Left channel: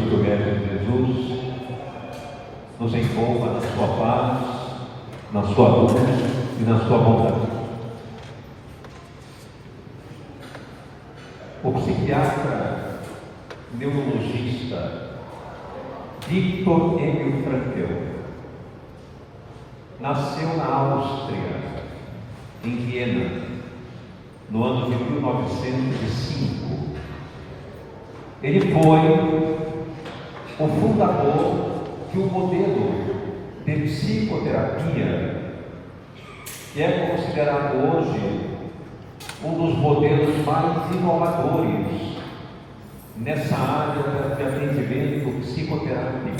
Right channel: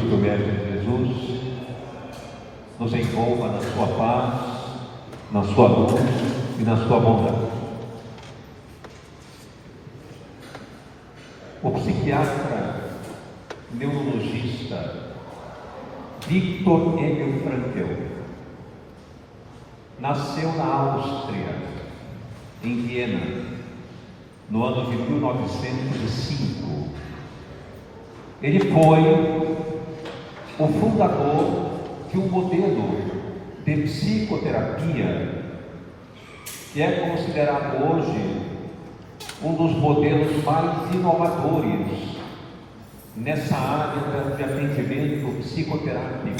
Cristo, Mestre Jesus, nos envolva na sua paz, na sua luz e na sua bondade. O psiquiatra neurologista Viktor Frankl nasceu na Áustria, em Viena, no ano de 1905. Ele foi o fundador de um modelo de psicoterapia que é considerado hoje um dos modelos mais inovadores nessa área de atendimento psicoterápico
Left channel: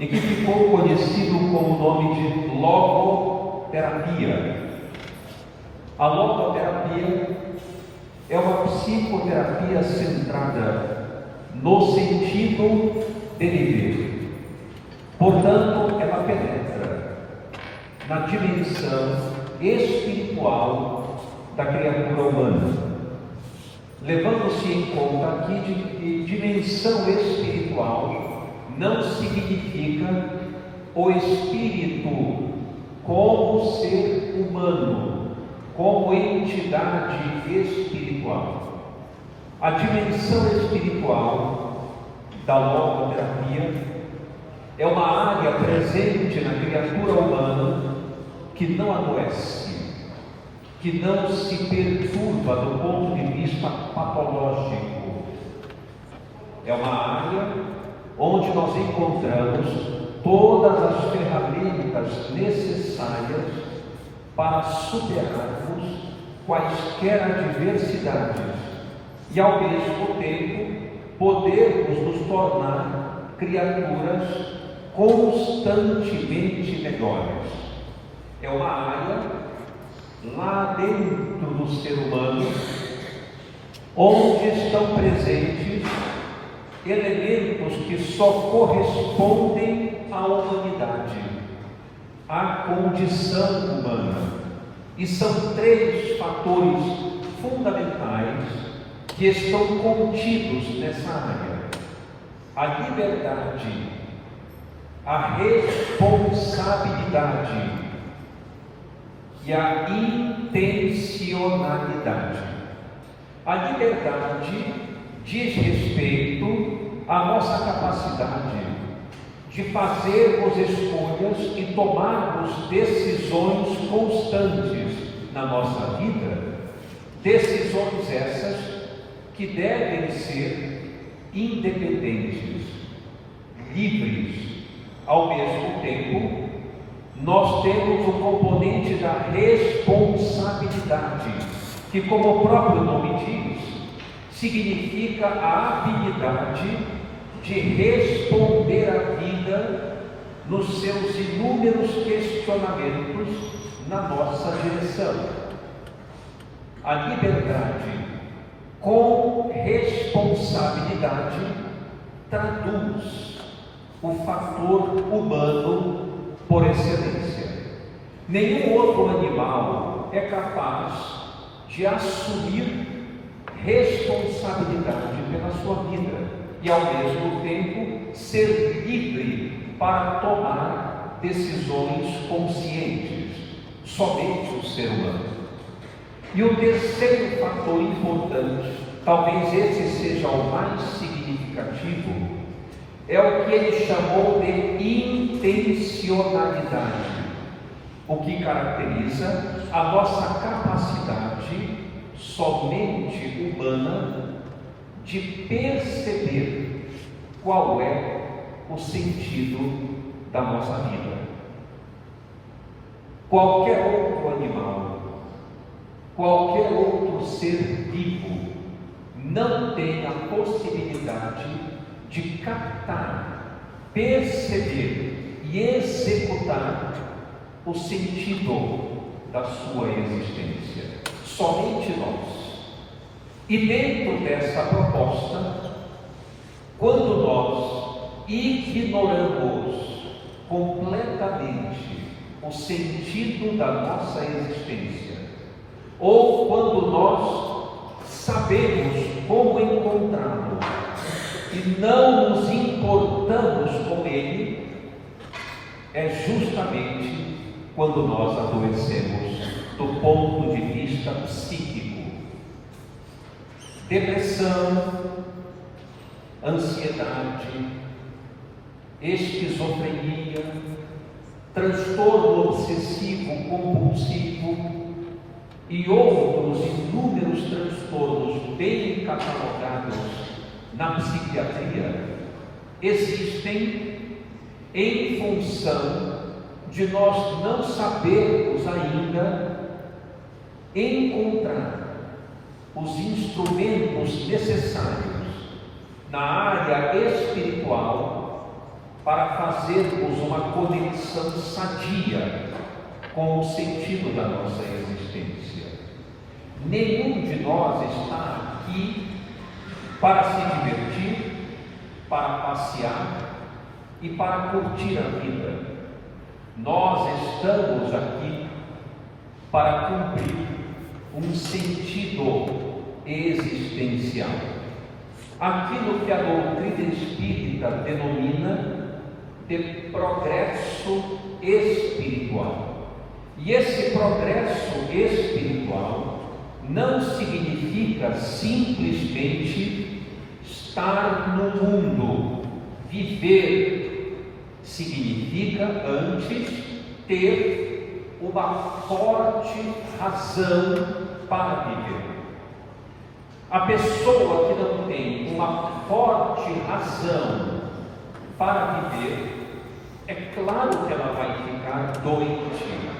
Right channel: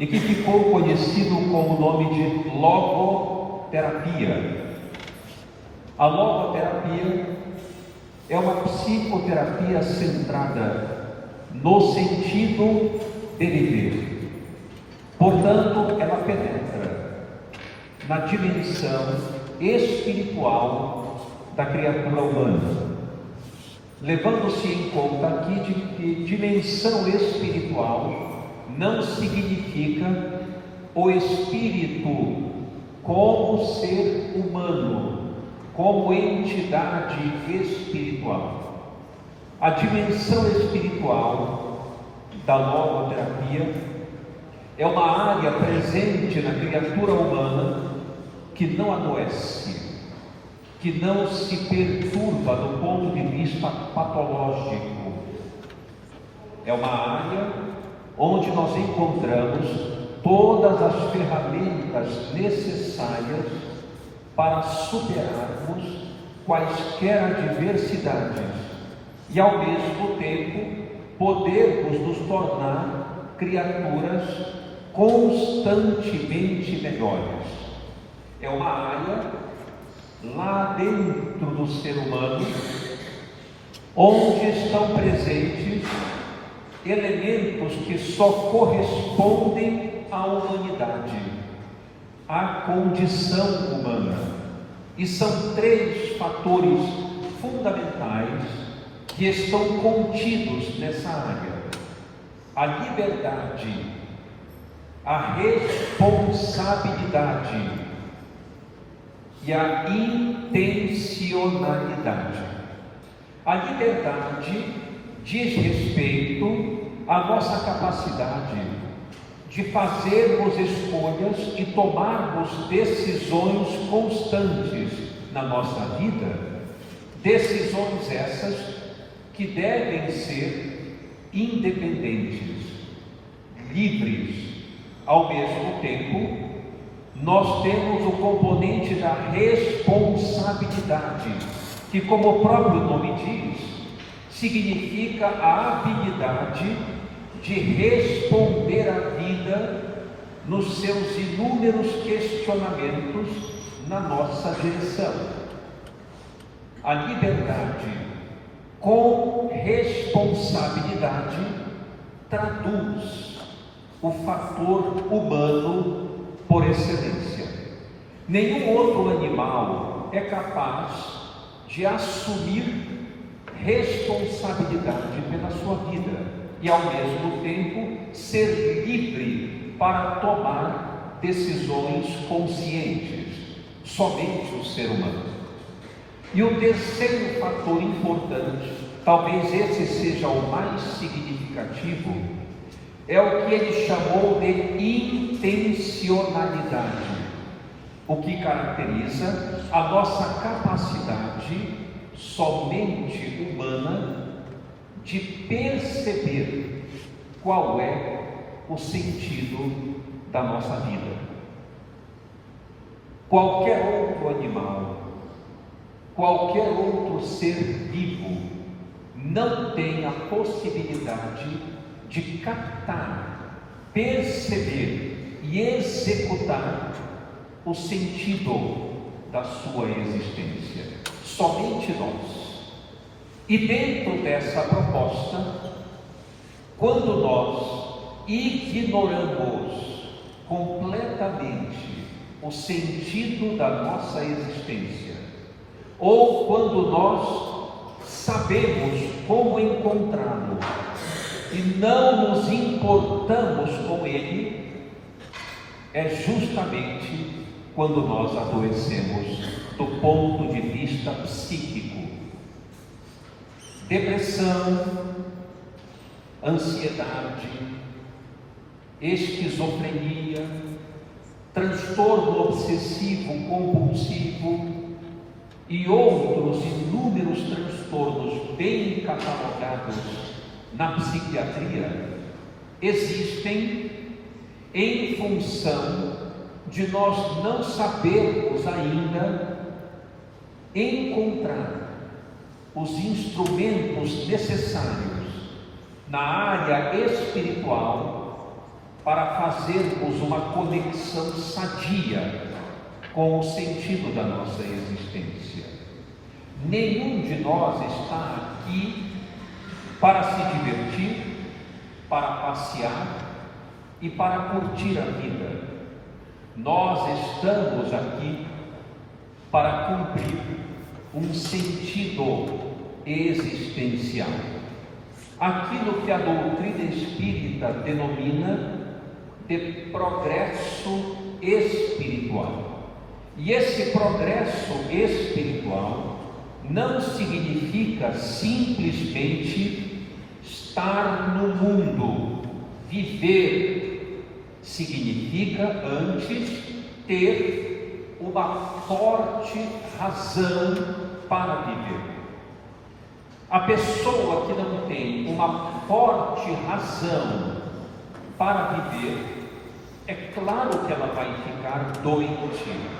e que ficou conhecido com o nome de logoterapia. A logoterapia é uma psicoterapia centrada no sentido de viver. Portanto, ela penetra na dimensão espiritual da criatura humana, levando-se em conta aqui de que dimensão espiritual não significa o espírito como ser humano, como entidade espiritual. A dimensão espiritual da logoterapia é uma área presente na criatura humana que não adoece, que não se perturba do ponto de vista patológico. É uma área onde nós encontramos todas as ferramentas necessárias para superarmos quaisquer adversidades e, ao mesmo tempo, podermos nos tornar criaturas constantemente melhores. É uma área lá dentro do ser humano onde estão presentes elementos que só correspondem à humanidade, à condição humana. E são três fatores fundamentais que estão contidos nessa área: a liberdade, a responsabilidade e a intencionalidade. A liberdade diz respeito à nossa capacidade de fazermos escolhas e tomarmos decisões constantes na nossa vida, decisões essas que devem ser independentes, livres. Ao mesmo tempo, nós temos o componente da responsabilidade, que, como o próprio nome diz, significa a habilidade de responder à vida nos seus inúmeros questionamentos na nossa direção. A liberdade com responsabilidade traduz o fator humano por excelência. Nenhum outro animal é capaz de assumir responsabilidade pela sua vida e, ao mesmo tempo, ser livre para tomar decisões conscientes. Somente o ser humano. E o terceiro fator importante, talvez esse seja o mais significativo, é o que ele chamou de intencionalidade, o que caracteriza a nossa capacidade somente humana de perceber qual é o sentido da nossa vida. Qualquer outro animal, qualquer outro ser vivo não tem a possibilidade de captar, perceber e executar o sentido da sua existência. Somente nós. E dentro dessa proposta, quando nós ignoramos completamente o sentido da nossa existência, ou quando nós sabemos como encontrá-lo, e não nos importamos com ele, é justamente quando nós adoecemos do ponto de vista psíquico. Depressão, ansiedade, esquizofrenia, transtorno obsessivo compulsivo e outros inúmeros transtornos bem catalogados na psiquiatria existem em função de nós não sabermos ainda encontrar os instrumentos necessários na área espiritual para fazermos uma conexão sadia com o sentido da nossa existência. Nenhum de nós está aqui para se divertir, para passear e para curtir a vida. Nós estamos aqui para cumprir um sentido existencial. Aquilo que a doutrina espírita denomina de progresso espiritual. E esse progresso espiritual não significa simplesmente estar no mundo, viver. Significa antes ter uma forte razão para viver. A pessoa que não tem uma forte razão para viver, é claro que ela vai ficar doente,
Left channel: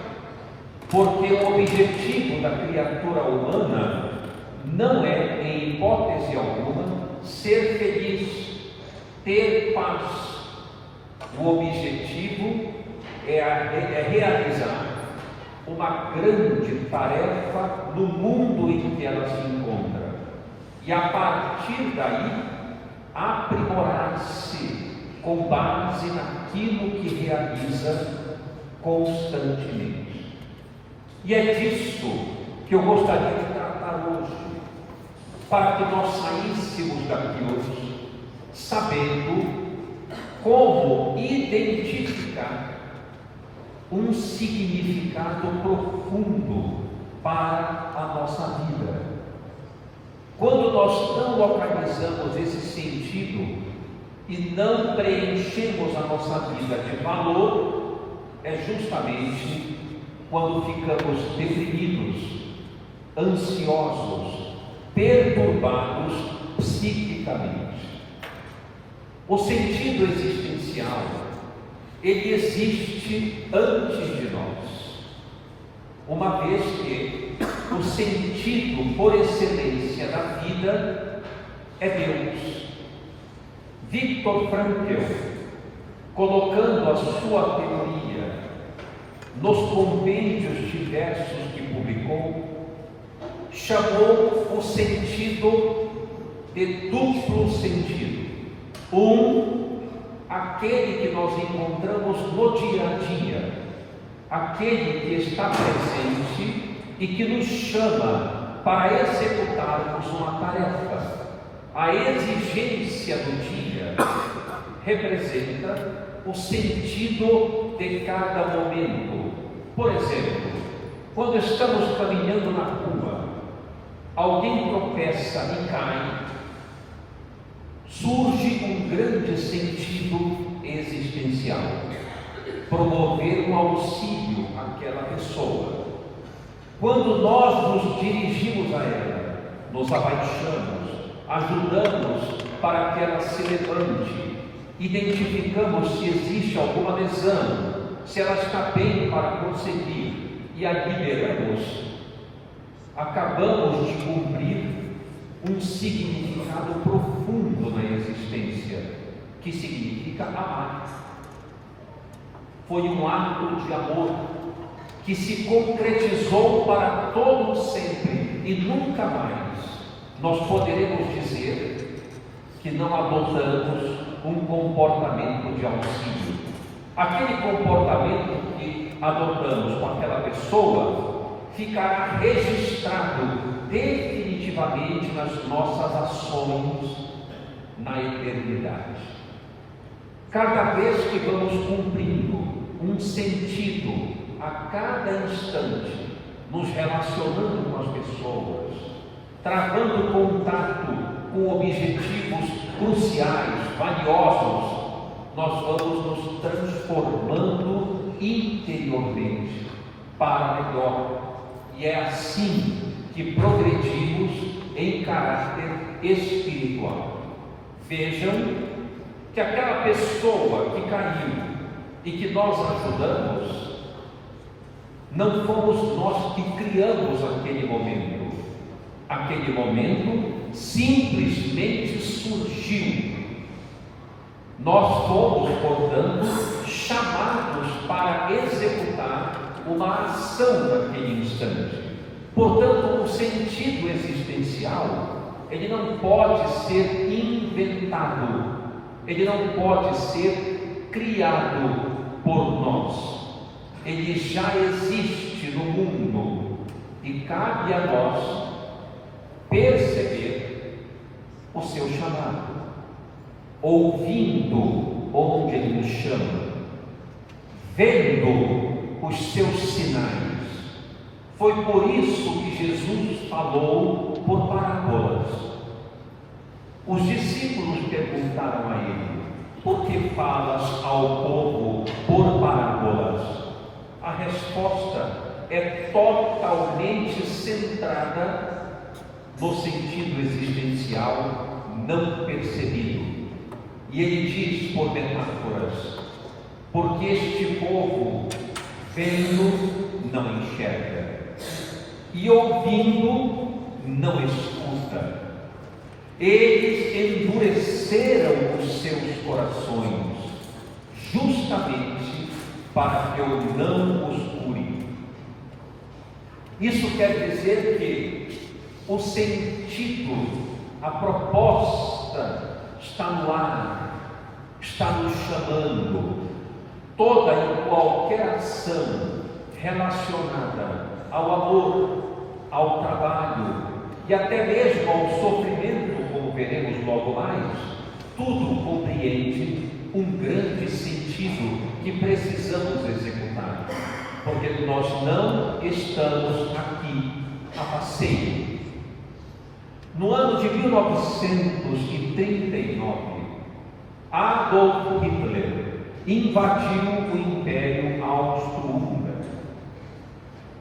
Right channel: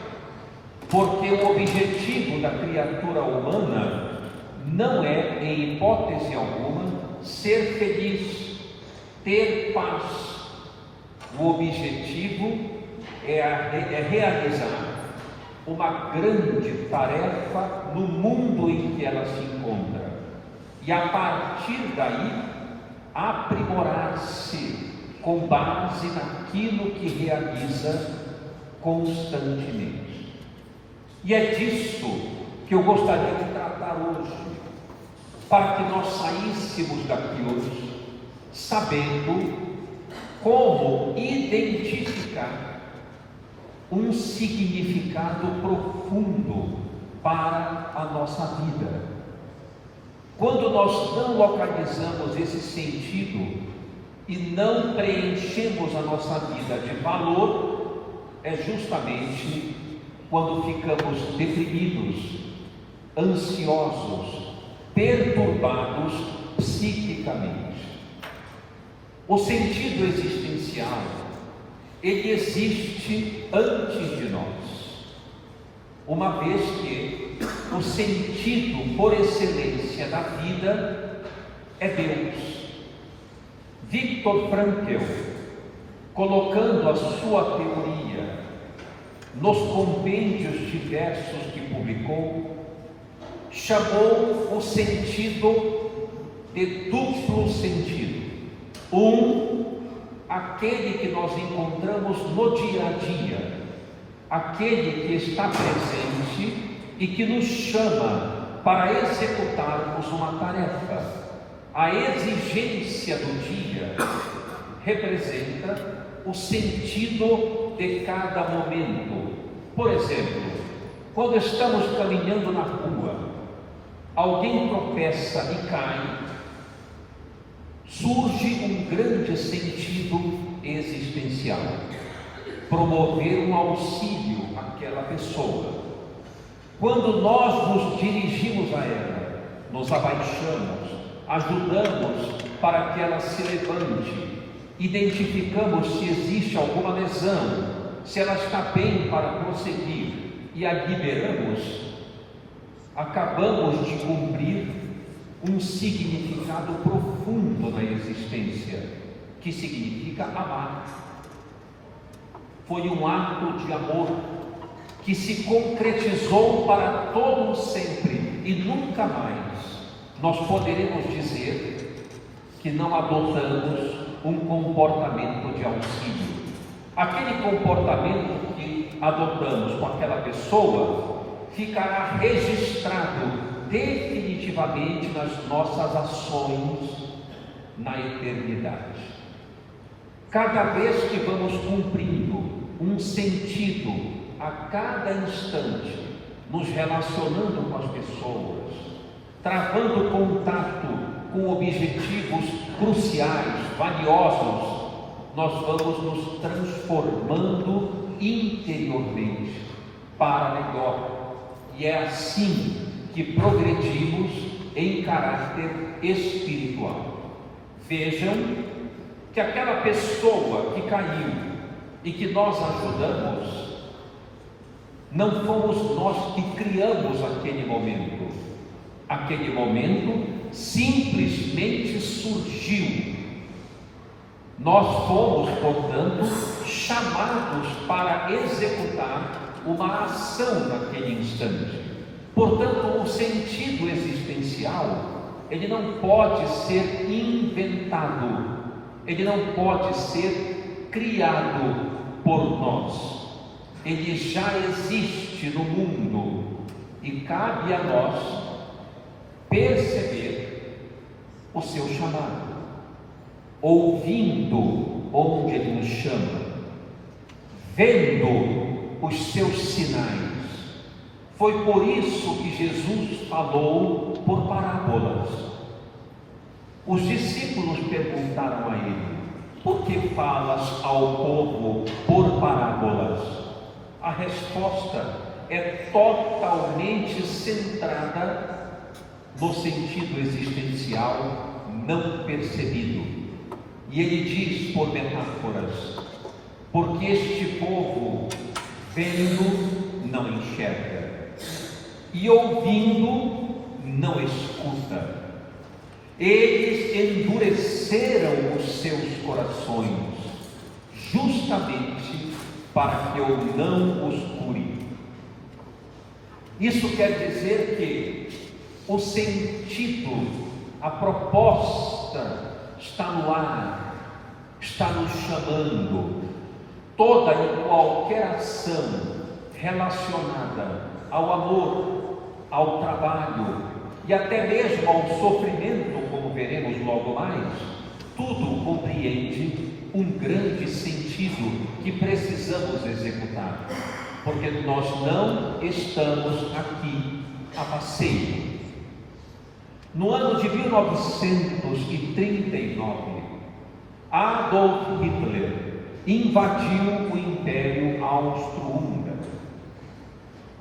porque o objetivo da criatura humana não é, em hipótese alguma, ser feliz, ter paz. O objetivo é realizar uma grande tarefa no mundo em que ela se encontra e, a partir daí, aprimorar-se com base naquilo que realiza constantemente. E é disso que eu gostaria de tratar hoje, para que nós saíssemos daqui hoje sabendo como identificar um significado profundo para a nossa vida. Quando nós não localizamos esse sentido e não preenchemos a nossa vida de valor, é justamente quando ficamos deprimidos, ansiosos, perturbados psiquicamente. O sentido existencial, ele existe antes de nós, uma vez que o sentido por excelência da vida é Deus. Viktor Frankl, colocando a sua teoria nos compêndios diversos que publicou, chamou o sentido de duplo sentido. Aquele que nós encontramos no dia a dia, aquele que está presente e que nos chama para executarmos uma tarefa. A exigência do dia representa o sentido de cada momento. Por exemplo, quando estamos caminhando na rua, alguém tropeça e cai, surge um grande sentido existencial, promover um auxílio àquela pessoa. Quando nós nos dirigimos a ela, nos abaixamos, ajudamos para que ela se levante, identificamos se existe alguma lesão, se ela está bem para prosseguir e a liberamos, acabamos de cumprir um significado profundo na existência, que significa amar. Foi um ato de amor que se concretizou para todo sempre e nunca mais nós poderemos dizer que não adotamos um comportamento de auxílio. Aquele comportamento que adotamos com aquela pessoa ficará registrado definitivamente nas nossas ações, na eternidade. Cada vez que vamos cumprindo um sentido a cada instante, nos relacionando com as pessoas, travando contato com objetivos cruciais, valiosos, nós vamos nos transformando interiormente para melhor. E é assim que progredimos em caráter espiritual. Vejam que aquela pessoa que caiu e que nós ajudamos, não fomos nós que criamos aquele momento. Aquele momento simplesmente surgiu. Nós fomos, portanto, chamados para executar uma ação naquele instante. Portanto, o sentido existencial, ele não pode ser inventado, ele não pode ser criado por nós. Ele já existe no mundo e cabe a nós perceber o seu chamado, ouvindo onde ele nos chama, vendo os seus sinais. Foi por isso que Jesus falou por parábolas. Os discípulos perguntaram a ele: por que falas ao povo por parábolas? A resposta é totalmente centrada no sentido existencial não percebido. E ele diz por metáforas: porque este povo, vendo, não enxerga, e ouvindo, não escuta. Eles endureceram os seus corações, justamente para que eu não os cure. Isso quer dizer que o sentido, a proposta está no ar, está nos chamando. Toda e qualquer ação relacionada ao amor, ao trabalho e até mesmo ao sofrimento, como veremos logo mais, tudo compreende um grande sentido que precisamos executar, porque nós não estamos aqui a passeio. No ano de 1939, Adolf Hitler invadiu o Império Austro-Húngaro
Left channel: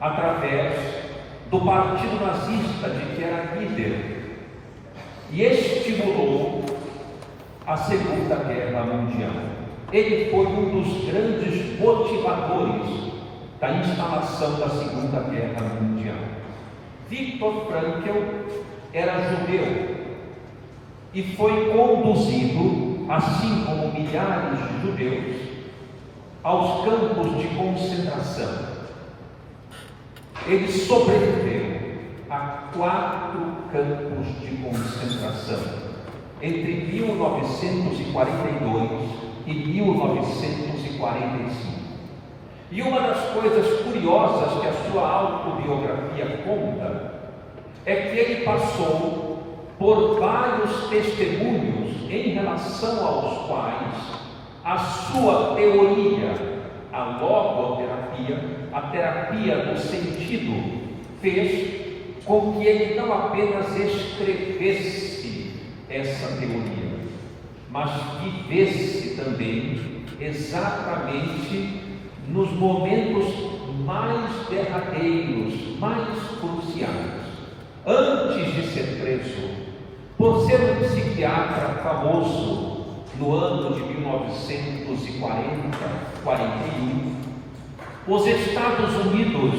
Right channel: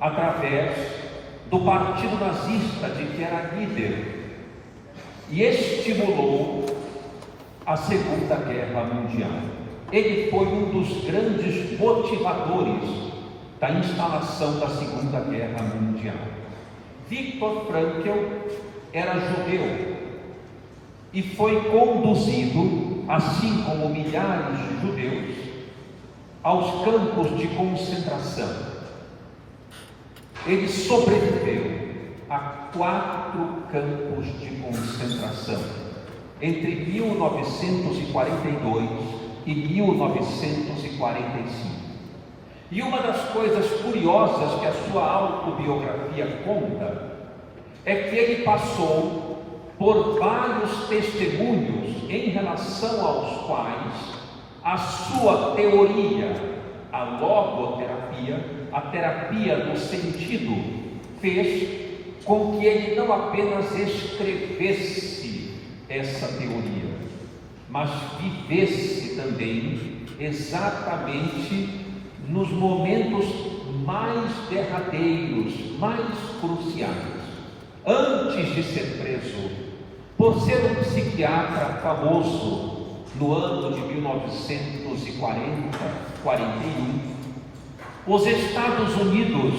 através do partido nazista de que era líder e estimulou a Segunda Guerra Mundial. Ele foi um dos grandes motivadores da instalação da Segunda Guerra Mundial. Viktor Frankl era judeu e foi conduzido, assim como milhares de judeus, aos campos de concentração. Ele sobreviveu a 4 campos de concentração entre 1942 e 1945. E uma das coisas curiosas que a sua autobiografia conta é que ele passou por vários testemunhos em relação aos quais a sua teoria, a logoterapia, a terapia do sentido, fez com que ele não apenas escrevesse essa teoria, mas vivesse também exatamente nos momentos mais derradeiros, mais cruciais, antes de ser preso, por ser um psiquiatra famoso no ano de 1941, os Estados Unidos,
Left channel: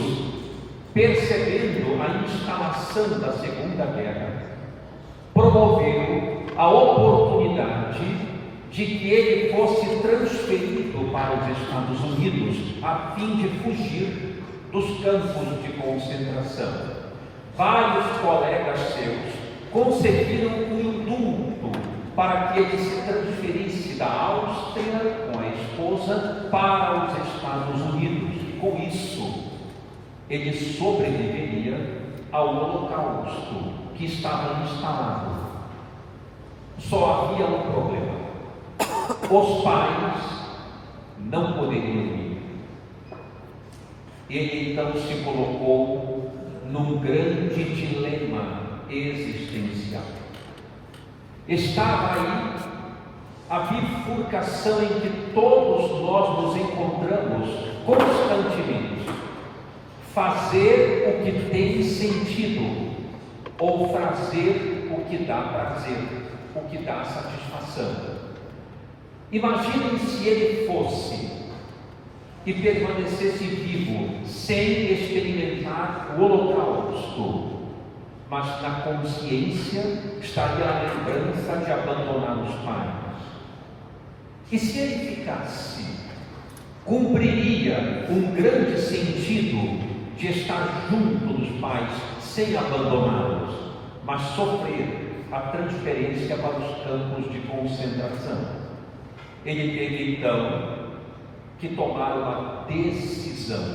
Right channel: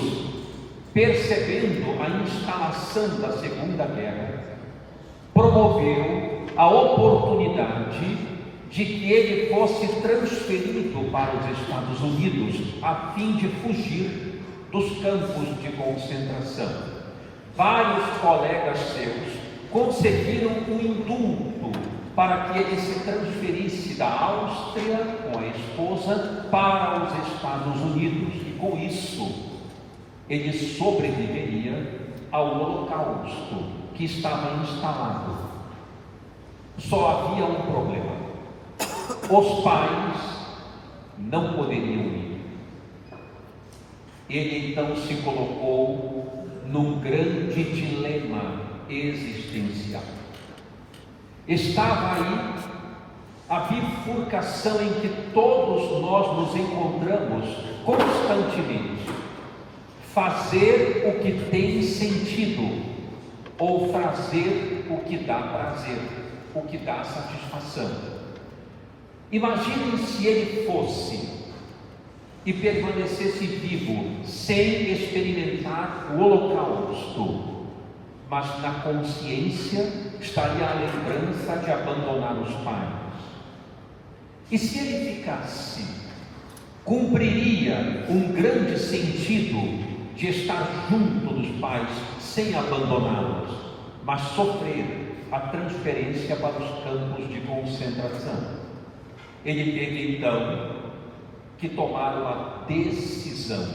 percebendo a instalação da Segunda Guerra, promoveram a oportunidade de que ele fosse transferido para os Estados Unidos a fim de fugir dos campos de concentração. Vários colegas seus conseguiram um indulto para que ele se transferisse da Áustria com a esposa para os Estados Unidos. Com isso, ele sobreviveria ao Holocausto que estava instalado. Só havia um problema: os pais não poderiam ir. Ele então se colocou num grande dilema existencial. Estava aí a bifurcação em que todos nós nos encontramos constantemente: fazer o que tem sentido ou fazer o que dá prazer, o que dá satisfação. Imaginem se ele fosse e permanecesse vivo sem experimentar o holocausto, mas na consciência estaria a lembrança de abandonar os pais. E se ele ficasse, cumpriria um grande sentido de estar junto dos pais sem abandoná-los, mas sofrer a transferência para os campos de concentração. Ele teve então que tomar uma decisão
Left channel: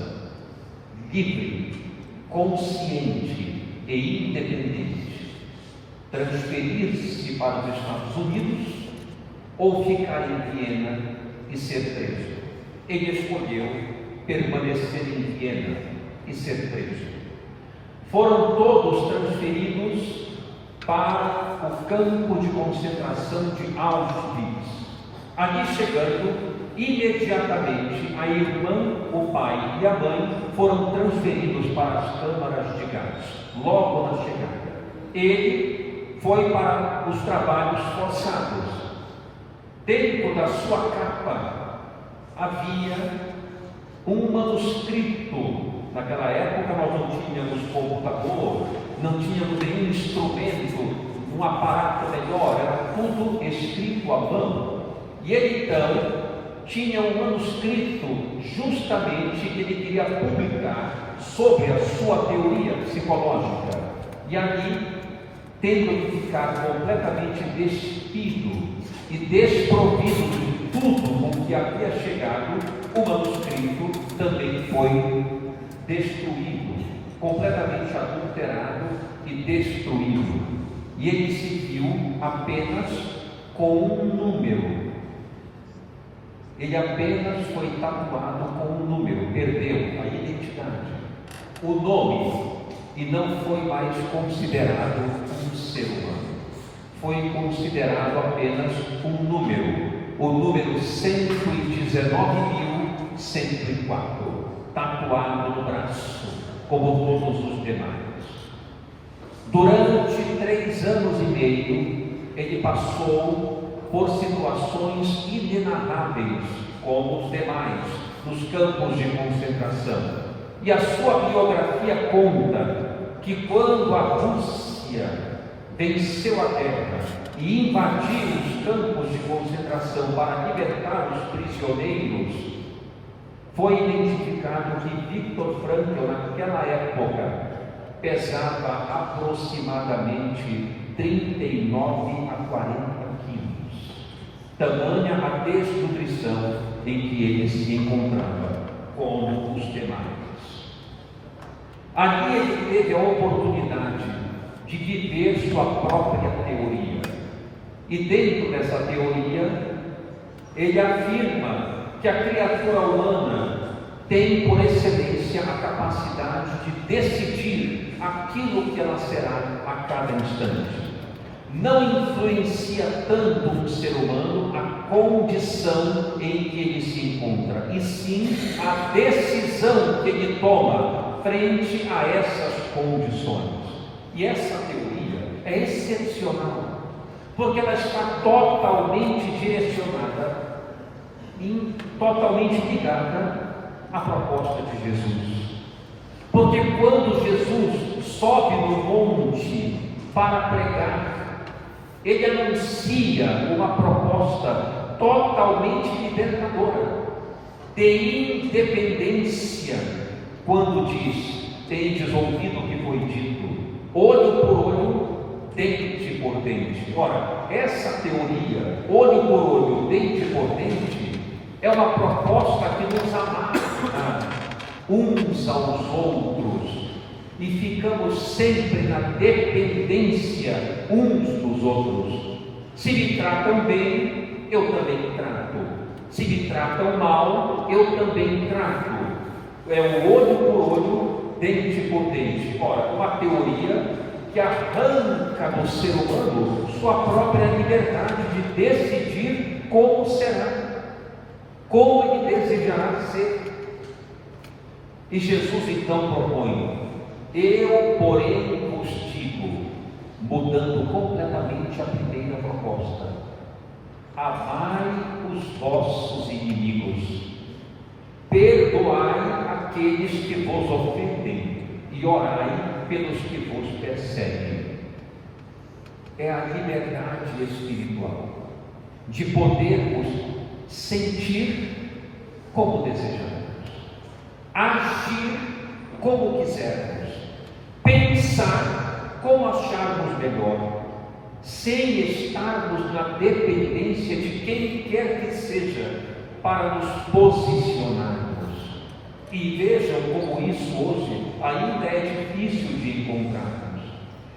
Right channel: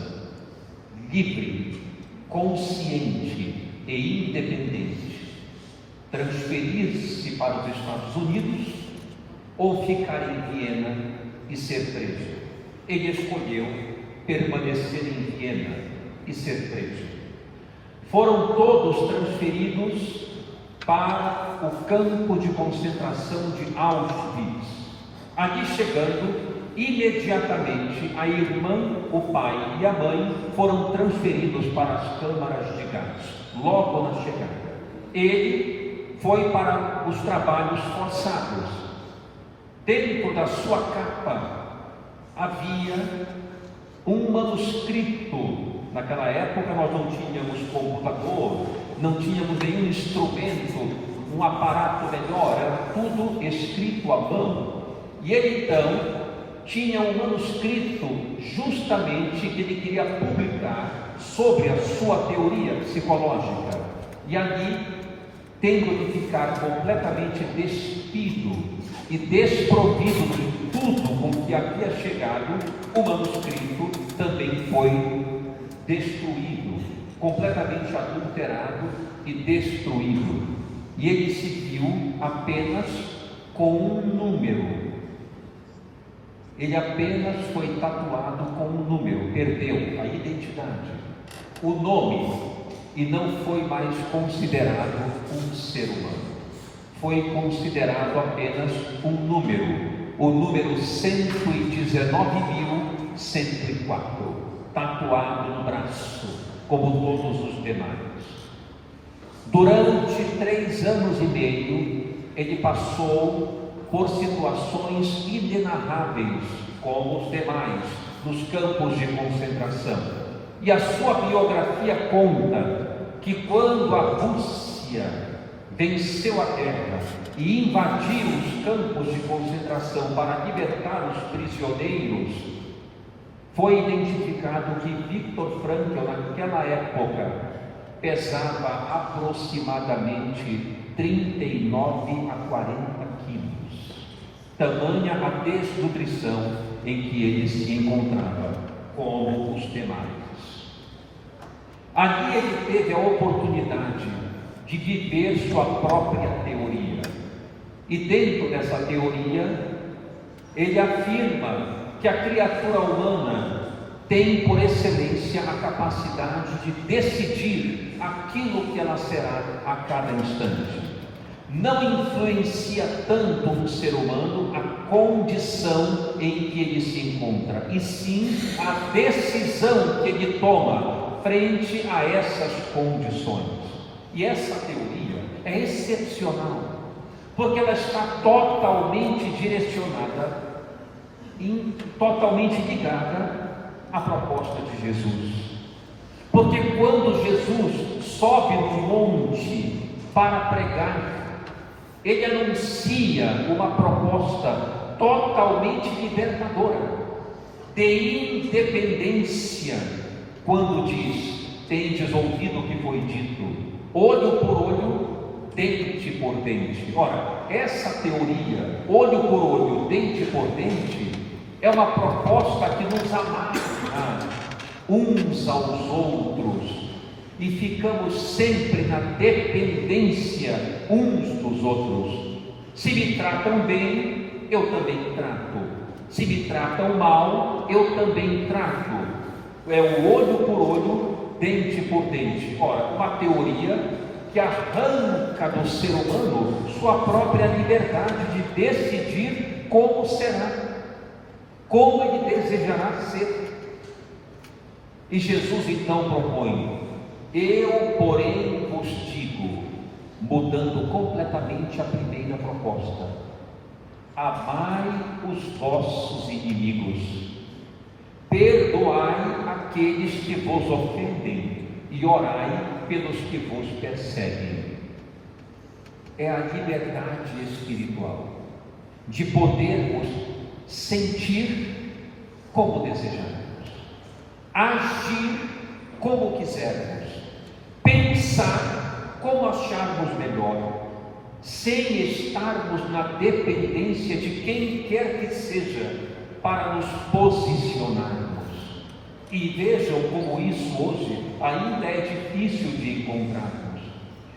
livre, consciente e independente: transferir-se para os Estados Unidos ou ficar em Viena e ser preso. Ele escolheu permanecer em Viena e ser preso. Foram todos transferidos para o campo de concentração de Auschwitz. Ali chegando, imediatamente a irmã, o pai e a mãe foram transferidos para as câmaras de gás, logo na chegada. Ele foi para os trabalhos forçados. Dentro da sua capa havia um manuscrito. Naquela época nós não tínhamos computador, não tínhamos nenhum instrumento, um aparato melhor, era tudo escrito à mão. E ele então tinha um manuscrito justamente que ele queria publicar sobre a sua teoria psicológica. E ali, tendo que ficar completamente despido e desprovido de tudo com que havia chegado, o manuscrito também foi destruído, completamente adulterado e destruído. E ele se viu apenas com um número. Ele apenas foi tatuado com um número, perdeu a identidade, o nome, e não foi mais considerado um ser humano. Foi considerado apenas um número, o número 119.104, tatuado no braço, como todos os demais. Durante 3 anos e meio, ele passou por situações inenarráveis, como os demais, nos campos de concentração. E a sua biografia conta que quando a Rússia venceu a guerra e invadiu os campos de concentração para libertar os prisioneiros, foi identificado que Viktor Frankl, naquela época, pesava aproximadamente 39 a 40 quilos. Tamanha a desnutrição em que ele se encontrava, como os demais. Ali ele teve a oportunidade de viver sua própria teoria. E dentro dessa teoria, ele afirma que a criatura humana tem por excelência a capacidade de decidir aquilo que ela será a cada instante. Não influencia tanto um ser humano a condição em que ele se encontra, e sim a decisão que ele toma frente a essas condições. E essa teoria é excepcional, porque ela está totalmente direcionada, totalmente ligada à proposta de Jesus. Porque quando Jesus sobe no monte para pregar, ele anuncia uma proposta totalmente libertadora, de independência, quando diz: tendes ouvido o que foi dito, olho por olho, dente por dente. Ora, essa teoria, olho por olho, dente por dente, é uma proposta que nos amarra uns aos outros, e ficamos sempre na dependência uns dos outros. Se me tratam bem, eu também trato. Se me tratam mal, eu também trato. É o olho por olho, dente por dente. Ora, uma teoria que arranca do ser humano sua própria liberdade de decidir como será, como ele desejará ser. E Jesus então propõe: eu, porém, vos digo, mudando completamente a primeira proposta: amai os vossos inimigos, perdoai aqueles que vos ofendem e orai pelos que vos perseguem. É a liberdade espiritual de podermos sentir como desejamos, agir como quisermos, pensar como acharmos melhor, sem estarmos na dependência de quem quer que seja para nos posicionarmos. E vejam como isso hoje ainda é difícil de encontrarmos.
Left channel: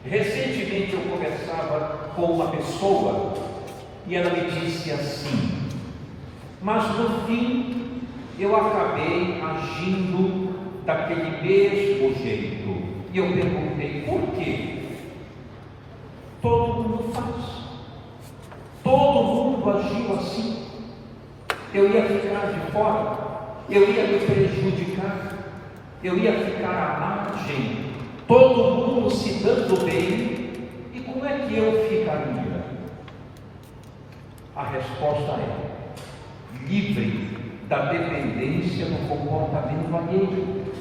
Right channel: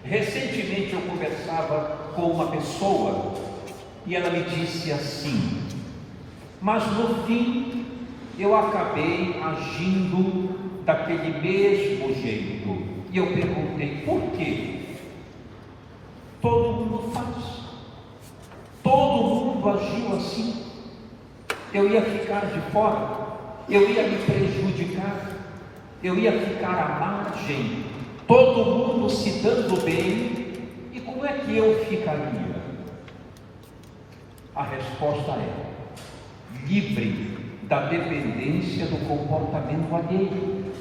Recentemente eu conversava com uma pessoa e ela me disse assim: mas no fim eu acabei agindo daquele mesmo jeito. E eu perguntei: por quê? Todo mundo faz, todo mundo agiu assim. Eu ia ficar de fora, eu ia me prejudicar, eu ia ficar à margem, todo mundo se dando bem, e como é que eu ficaria? A resposta é: livre da dependência do comportamento alheio.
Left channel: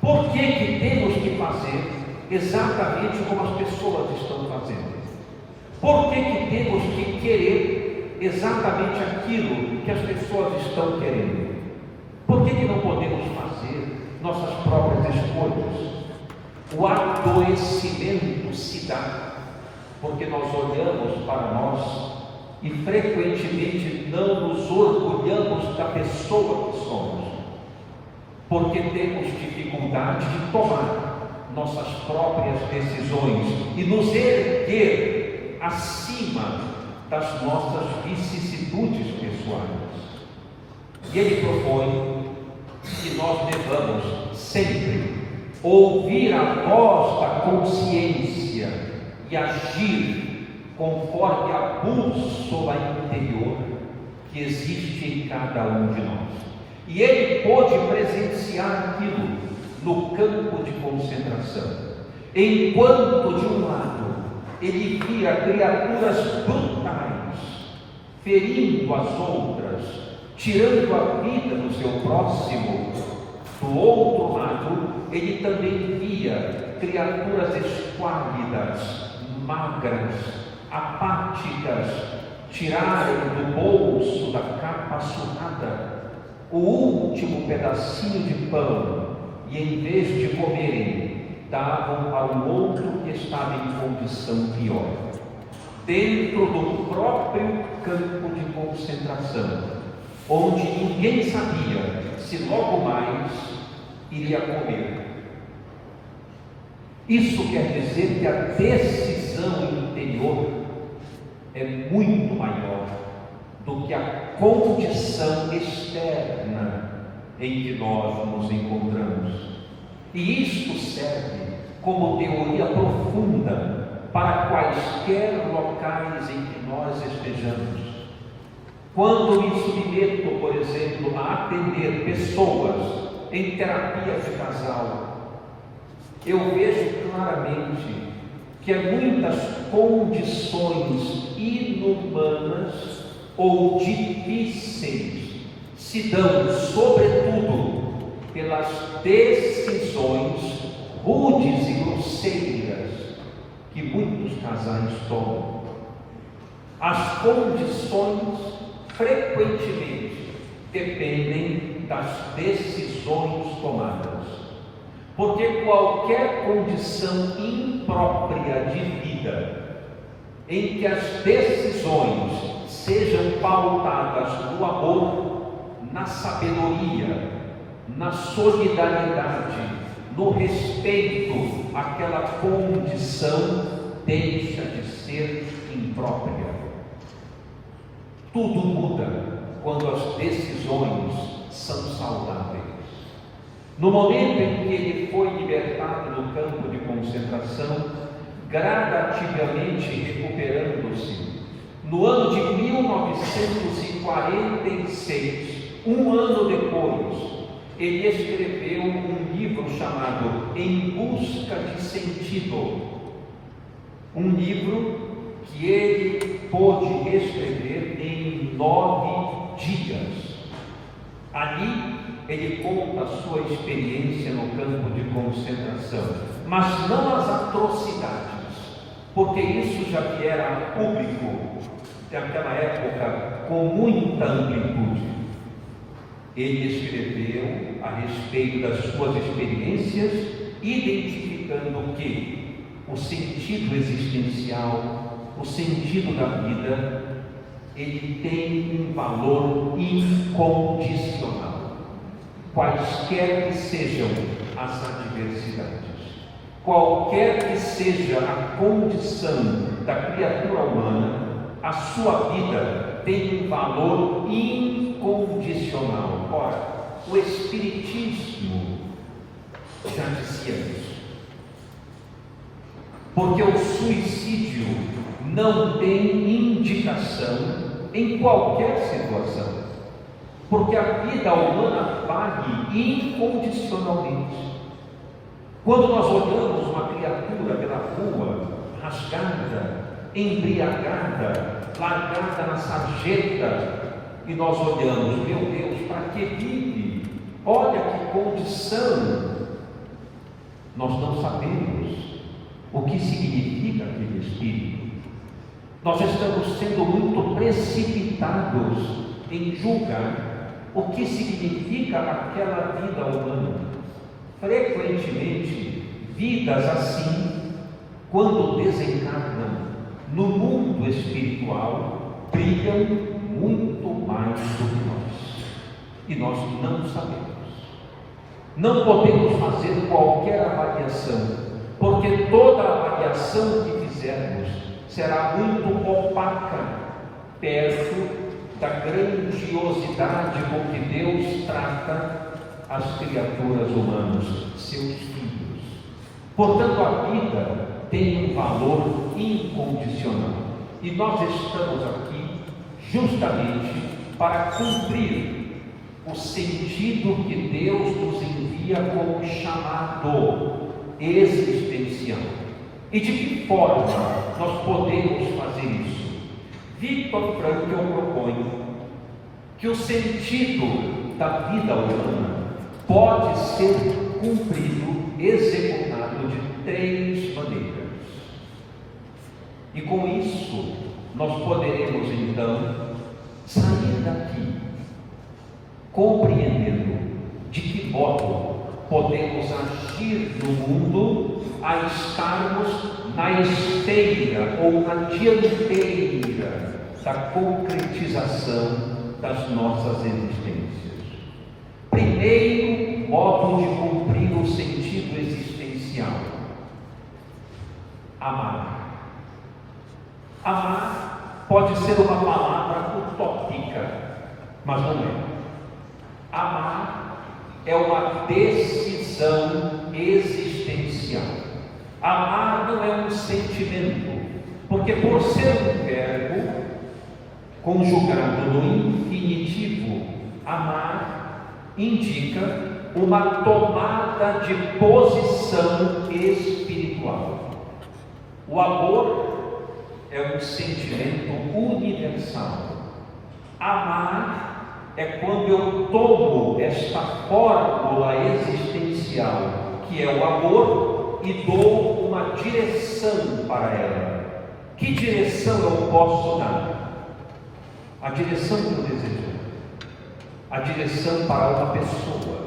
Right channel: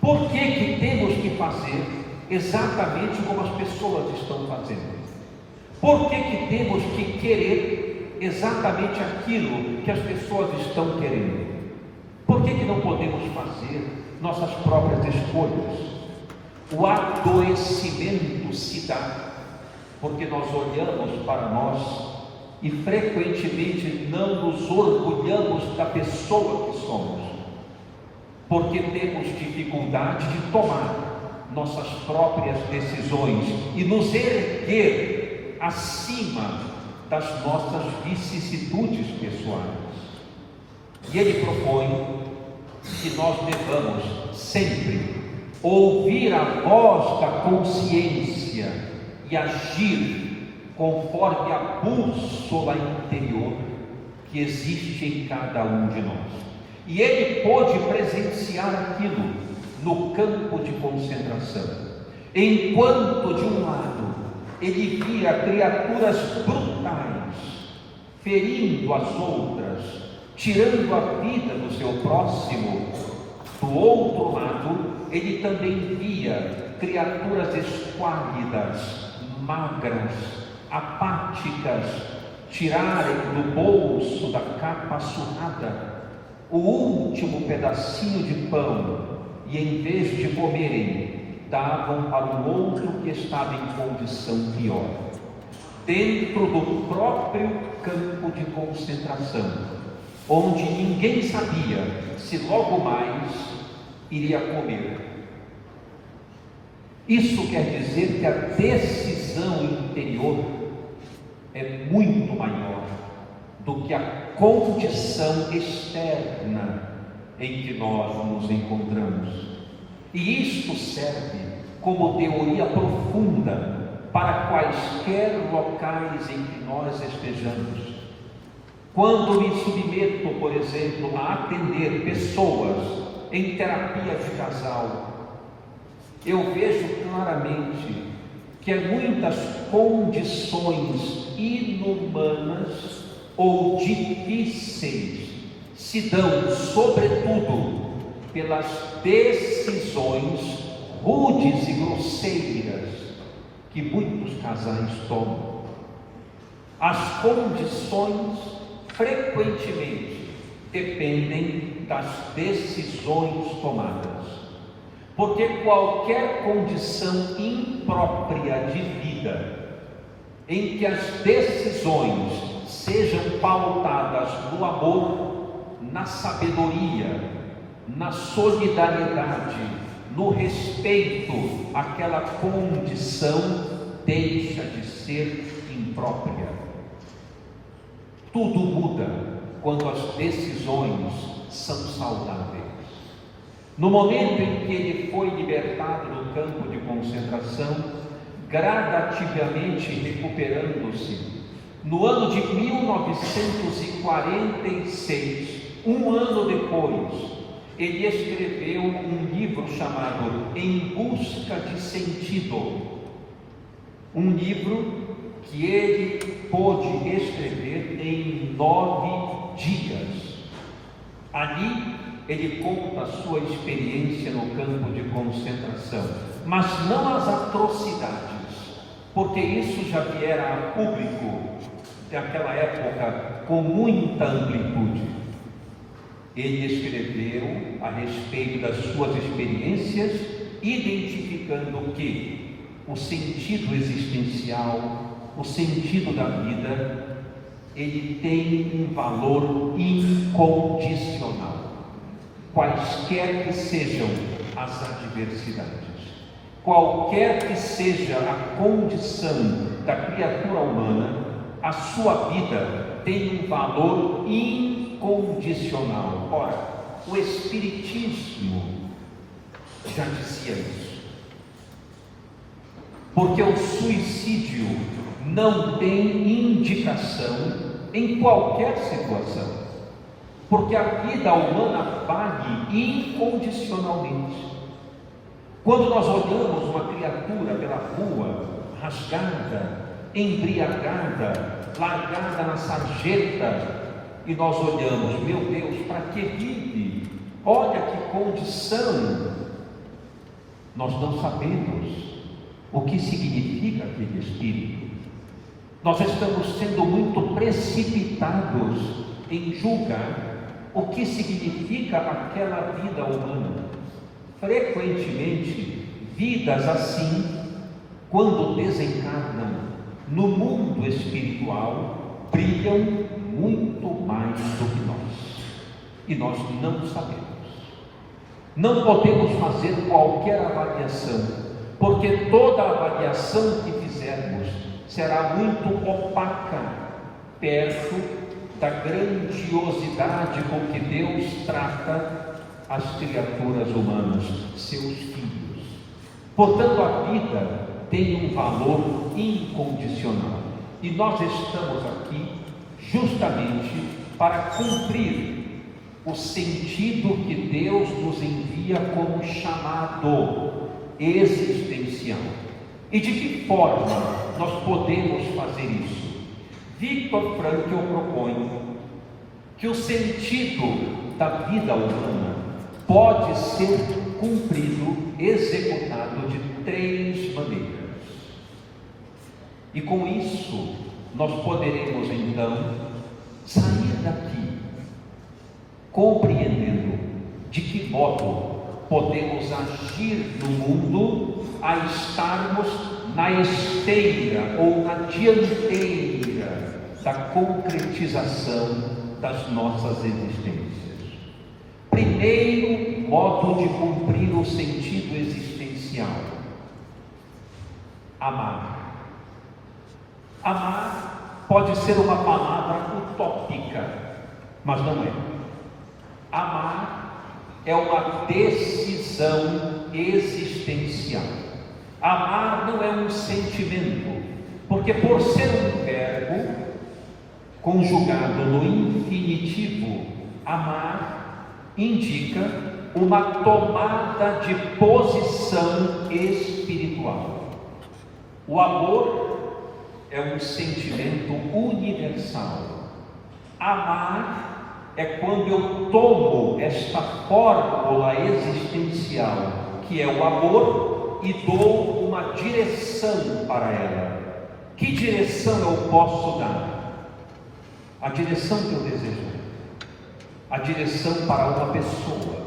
Por que temos que fazer exatamente como as pessoas estão fazendo? Por que temos que querer exatamente aquilo que as pessoas estão querendo? Por que não podemos fazer nossas próprias escolhas? O adoecimento se dá porque nós olhamos para nós e frequentemente não nos orgulhamos da pessoa que somos, porque temos dificuldade de tomar nossas próprias decisões e nos erguer acima das nossas vicissitudes pessoais. E ele propõe que nós devamos sempre ouvir a voz da consciência e agir conforme a bússola interior que existe em cada um de nós. E ele pôde presenciar aquilo no campo de concentração, enquanto de um lado ele via criaturas brutais ferindo as outras, tirando a vida do seu próximo. Do outro lado ele também via criaturas esquálidas, magras, apáticas, tirarem do bolso da capa surrada o último pedacinho de pão e, em vez de comerem, davam para o outro que estava em condição pior, dentro do próprio campo de concentração, onde ninguém sabia se logo mais iria comer. Isso quer dizer que a decisão interior é muito maior do que a condição externa em que nós nos encontramos. E isto serve como teoria profunda para quaisquer locais em que nós estejamos. Quando me submeto, por exemplo, a atender pessoas em terapia de casal, eu vejo claramente que muitas condições inumanas ou difíceis se dão, sobretudo, pelas decisões rudes e grosseiras que muitos casais tomam. As condições frequentemente dependem das decisões tomadas, porque qualquer condição imprópria de vida em que as decisões sejam pautadas no amor, na sabedoria, na solidariedade, no respeito àquela condição, deixa de ser imprópria. Tudo muda quando as decisões são saudáveis. No momento em que ele foi libertado do campo de concentração, gradativamente recuperando-se, no ano de 1946, um ano depois, ele escreveu um livro chamado Em Busca de Sentido. Um livro que ele pôde escrever em 9 dias. Ali ele conta a sua experiência no campo de concentração, mas não as atrocidades, porque isso já viera a público daquela época com muita amplitude. Ele escreveu a respeito das suas experiências, identificando que o sentido existencial, o sentido da vida, ele tem um valor incondicional, quaisquer que sejam as adversidades, qualquer que seja a condição da criatura humana, a sua vida tem um valor incondicional. Ora, o Espiritismo já dizia isso. Porque o suicídio não tem indicação em qualquer situação. Porque a vida humana vale incondicionalmente. Quando nós olhamos uma criatura pela rua, rasgada, embriagada, largada na sarjeta, e nós olhamos, meu Deus, para que vive? Olha que condição! Nós não sabemos o que significa aquele espírito. Nós estamos sendo muito precipitados em julgar o que significa aquela vida humana. Frequentemente, vidas assim, quando desencarnam no mundo espiritual, brilham muito mais do que nós. E nós não sabemos. Não podemos fazer qualquer avaliação, porque toda avaliação que fizermos será muito opaca perto da grandiosidade com que Deus trata as criaturas humanas, seus filhos. Portanto, a vida tem um valor incondicional. E nós estamos aqui justamente para cumprir o sentido que Deus nos envia como chamado existencial. E de que forma nós podemos fazer isso? Victor Frankl propõe que o sentido da vida humana pode ser cumprido, executado de 3 maneiras. E com isso, nós poderemos então sair daqui compreendendo de que modo podemos agir no mundo a estarmos na esteira ou na dianteira da concretização das nossas existências. Primeiro modo de cumprir o sentido existencial: amar. Amar pode ser uma palavra utópica, mas não é. Amar é uma decisão existencial. Amar não é um sentimento, porque por ser um verbo conjugado no infinitivo, amar indica uma tomada de posição espiritual. O amor é um sentimento universal. Amar é quando eu tomo esta fórmula existencial, que é o amor, e dou uma direção para ela. Que direção eu posso dar? A direção que eu desejo, a direção para uma pessoa,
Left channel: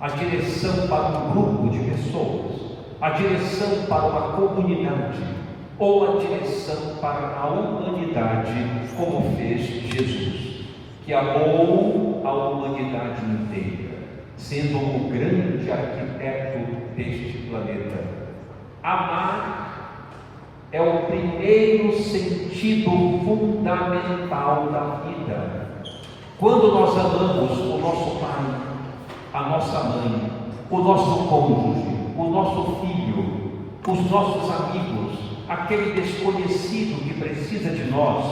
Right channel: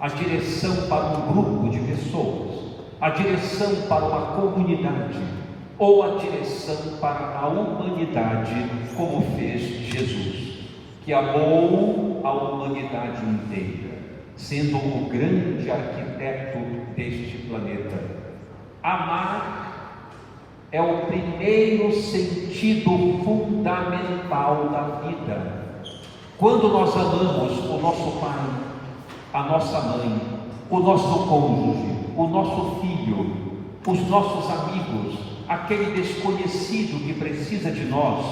a direção para um grupo de pessoas, a direção para uma comunidade, ou a direção para a humanidade, como fez Jesus, que amou a humanidade inteira, sendo o grande arquiteto deste planeta. Amar é o primeiro sentido fundamental da vida. Quando nós amamos o nosso pai, a nossa mãe, o nosso cônjuge, o nosso filho, os nossos amigos, aquele desconhecido que precisa de nós,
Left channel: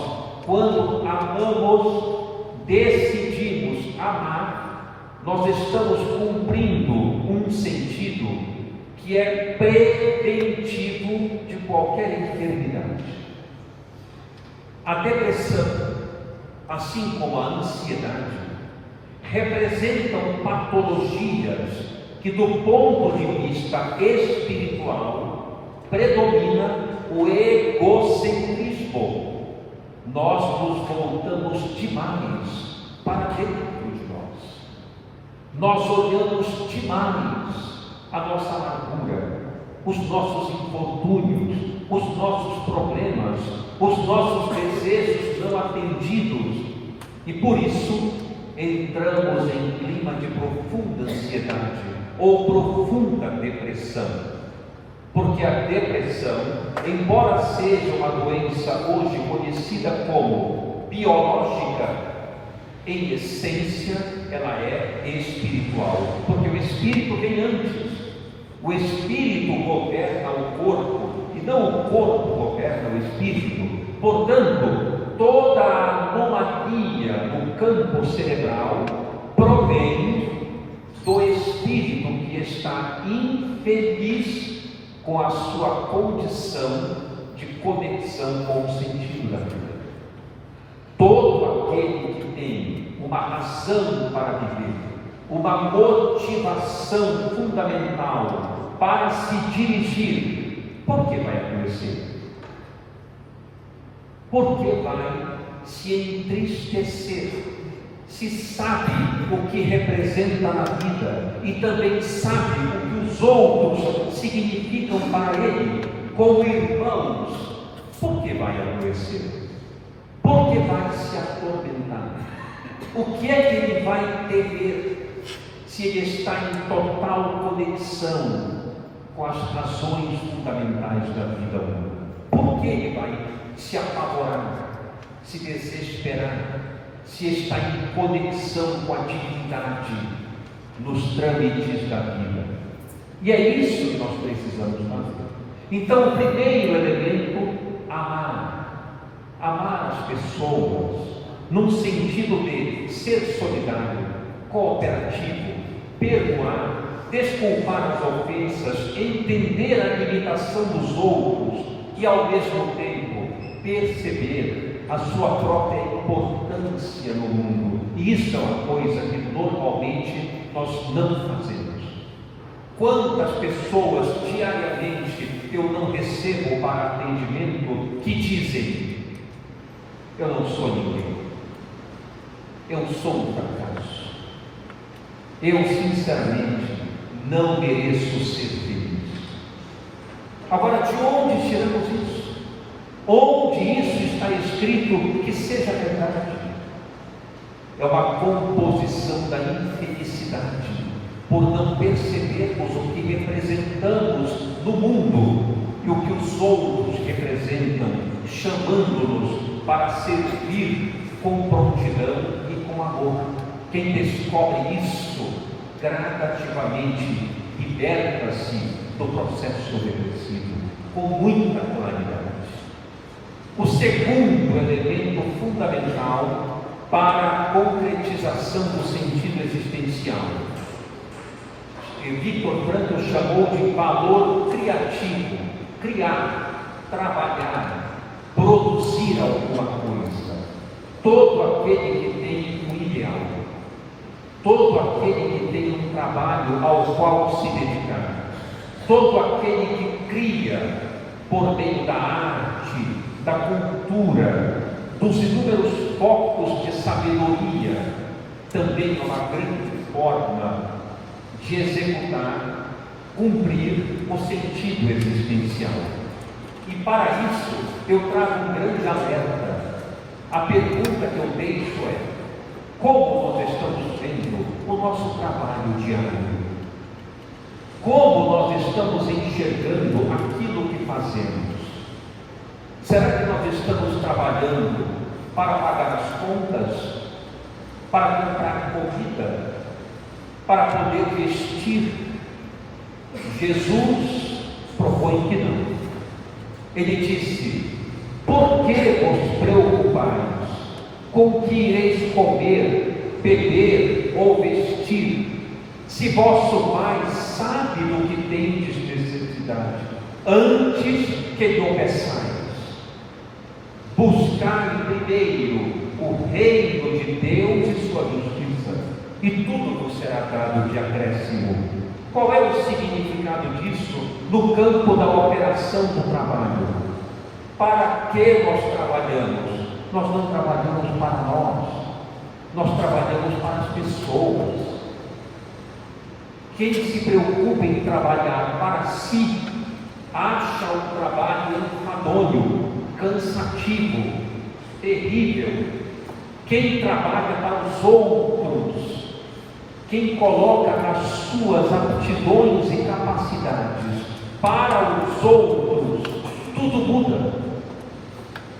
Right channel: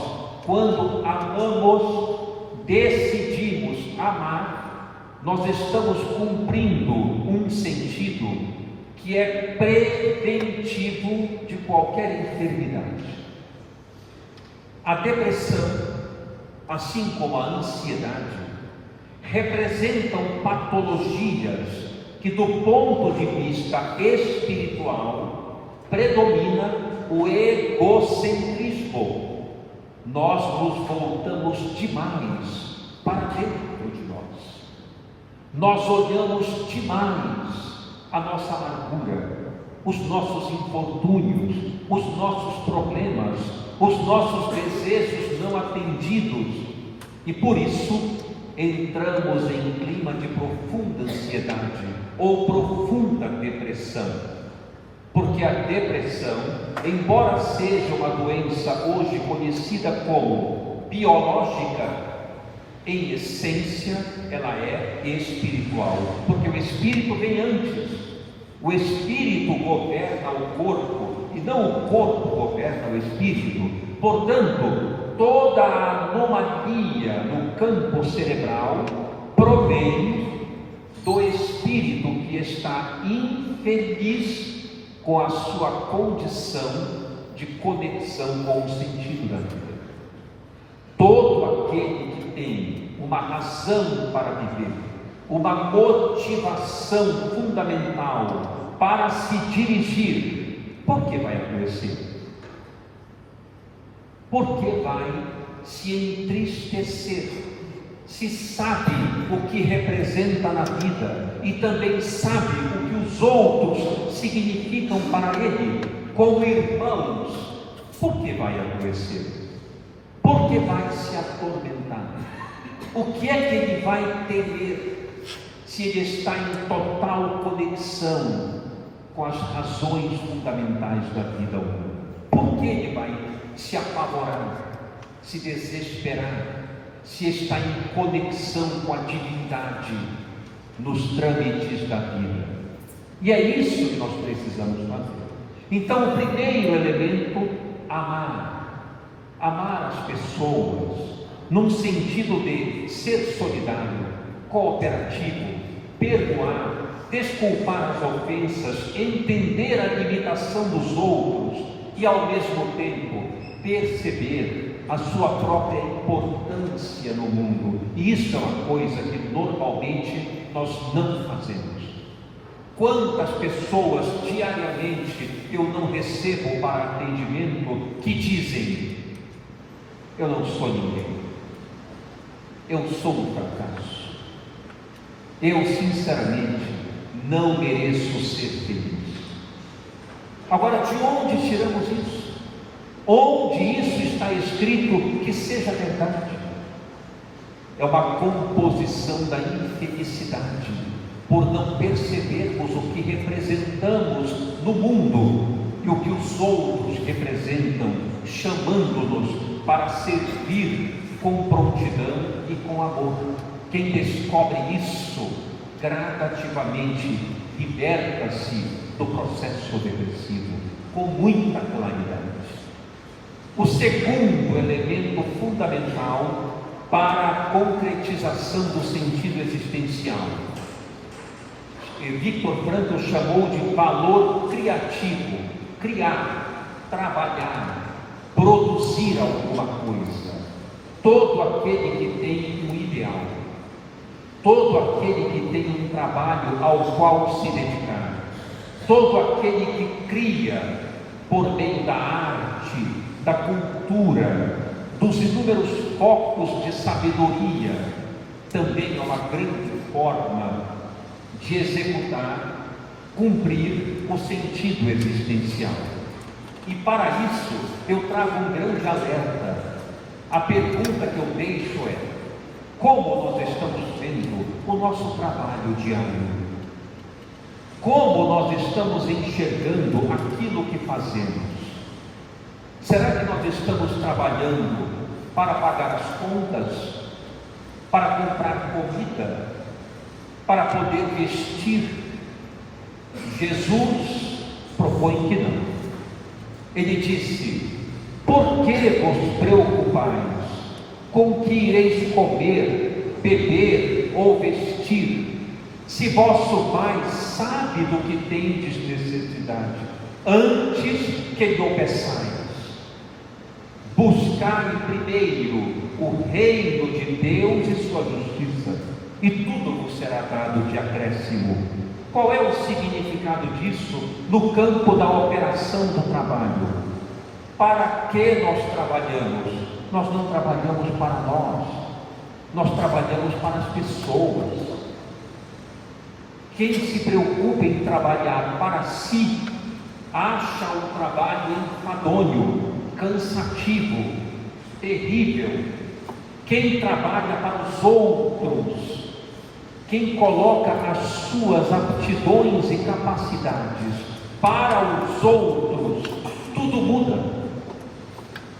quando amamos, decidimos amar, nós estamos cumprindo um sentido que é preventivo de qualquer enfermidade. A depressão, assim como a ansiedade, representam patologias que, do ponto de vista espiritual, predomina o egocentrismo. Nós nos voltamos demais para dentro de nós. Nós olhamos demais a nossa amargura, os nossos infortúnios, os nossos problemas, os nossos desejos não atendidos, e por isso entramos em clima de profunda ansiedade ou profunda depressão. Porque a depressão, embora seja uma doença hoje conhecida como biológica, em essência ela é espiritual, porque o espírito vem antes. O espírito governa o corpo e não o corpo governa o espírito. Portanto, toda a anomalia no campo cerebral provém do espírito que está infeliz com a sua condição de conexão com o sentido da vida. Todo aquele que tem uma razão para viver, uma motivação fundamental para se dirigir, por que vai adoecer? Por que vai se entristecer? Se sabe o que representa na vida e também sabe o que os outros significam para ele como irmãos, por que vai adoecer? Por que vai se atormentar? O que é que ele vai temer se ele está em total conexão com as razões fundamentais da vida humana? Por que ele vai se apavorar, se desesperar, se está em conexão com a divindade nos trâmites da vida? E é isso que nós precisamos fazer. Então, o primeiro elemento, amar as pessoas, num sentido de ser solidário, cooperativo, perdoar, desculpar as ofensas, entender a limitação dos outros e, ao mesmo tempo, perceber a sua própria importância no mundo. E isso é uma coisa que normalmente nós não fazemos. Quantas pessoas diariamente eu não recebo para atendimento que dizem: eu não sou ninguém, eu sou um fracasso, eu sinceramente não mereço ser feliz. Agora, de onde tiramos isso? Onde isso está escrito que seja verdade? É uma composição da infelicidade, por não percebermos o que representamos no mundo e o que os outros representam, chamando-nos para servir com prontidão e com amor. Quem descobre isso gradativamente liberta-se do processo depressivo com muita claridade. O segundo elemento fundamental para a concretização do sentido existencial, Victor Frankl chamou de valor criativo: criar, trabalhar, produzir alguma coisa. Todo aquele que tem um ideal, todo aquele que tem um trabalho ao qual se dedicar, todo aquele que cria por meio da arte, da cultura, dos inúmeros focos de sabedoria, também é uma grande forma de executar, cumprir o sentido existencial. E para isso eu trago um grande alerta. A pergunta que eu deixo é: como nós estamos vendo o nosso trabalho diário? Como nós estamos enxergando aquilo que fazemos? Será que nós estamos trabalhando para pagar as contas, para comprar comida, para poder vestir? Jesus propõe que não. Ele disse: por que vos preocupais com o que ireis comer, beber ou vestir, se vosso Pai sabe do que tendes necessidade, antes que lhe peçais? Buscai primeiro o reino de Deus e sua justiça, e tudo vos será dado de acréscimo. Qual é o significado disso no campo da operação do trabalho? Para que nós trabalhamos? Nós não trabalhamos para nós trabalhamos para as pessoas. Quem se preocupa em trabalhar para si, acha o trabalho enfadonho, cansativo, terrível. Quem trabalha para os outros, quem coloca as suas aptidões e capacidades para os outros, tudo muda.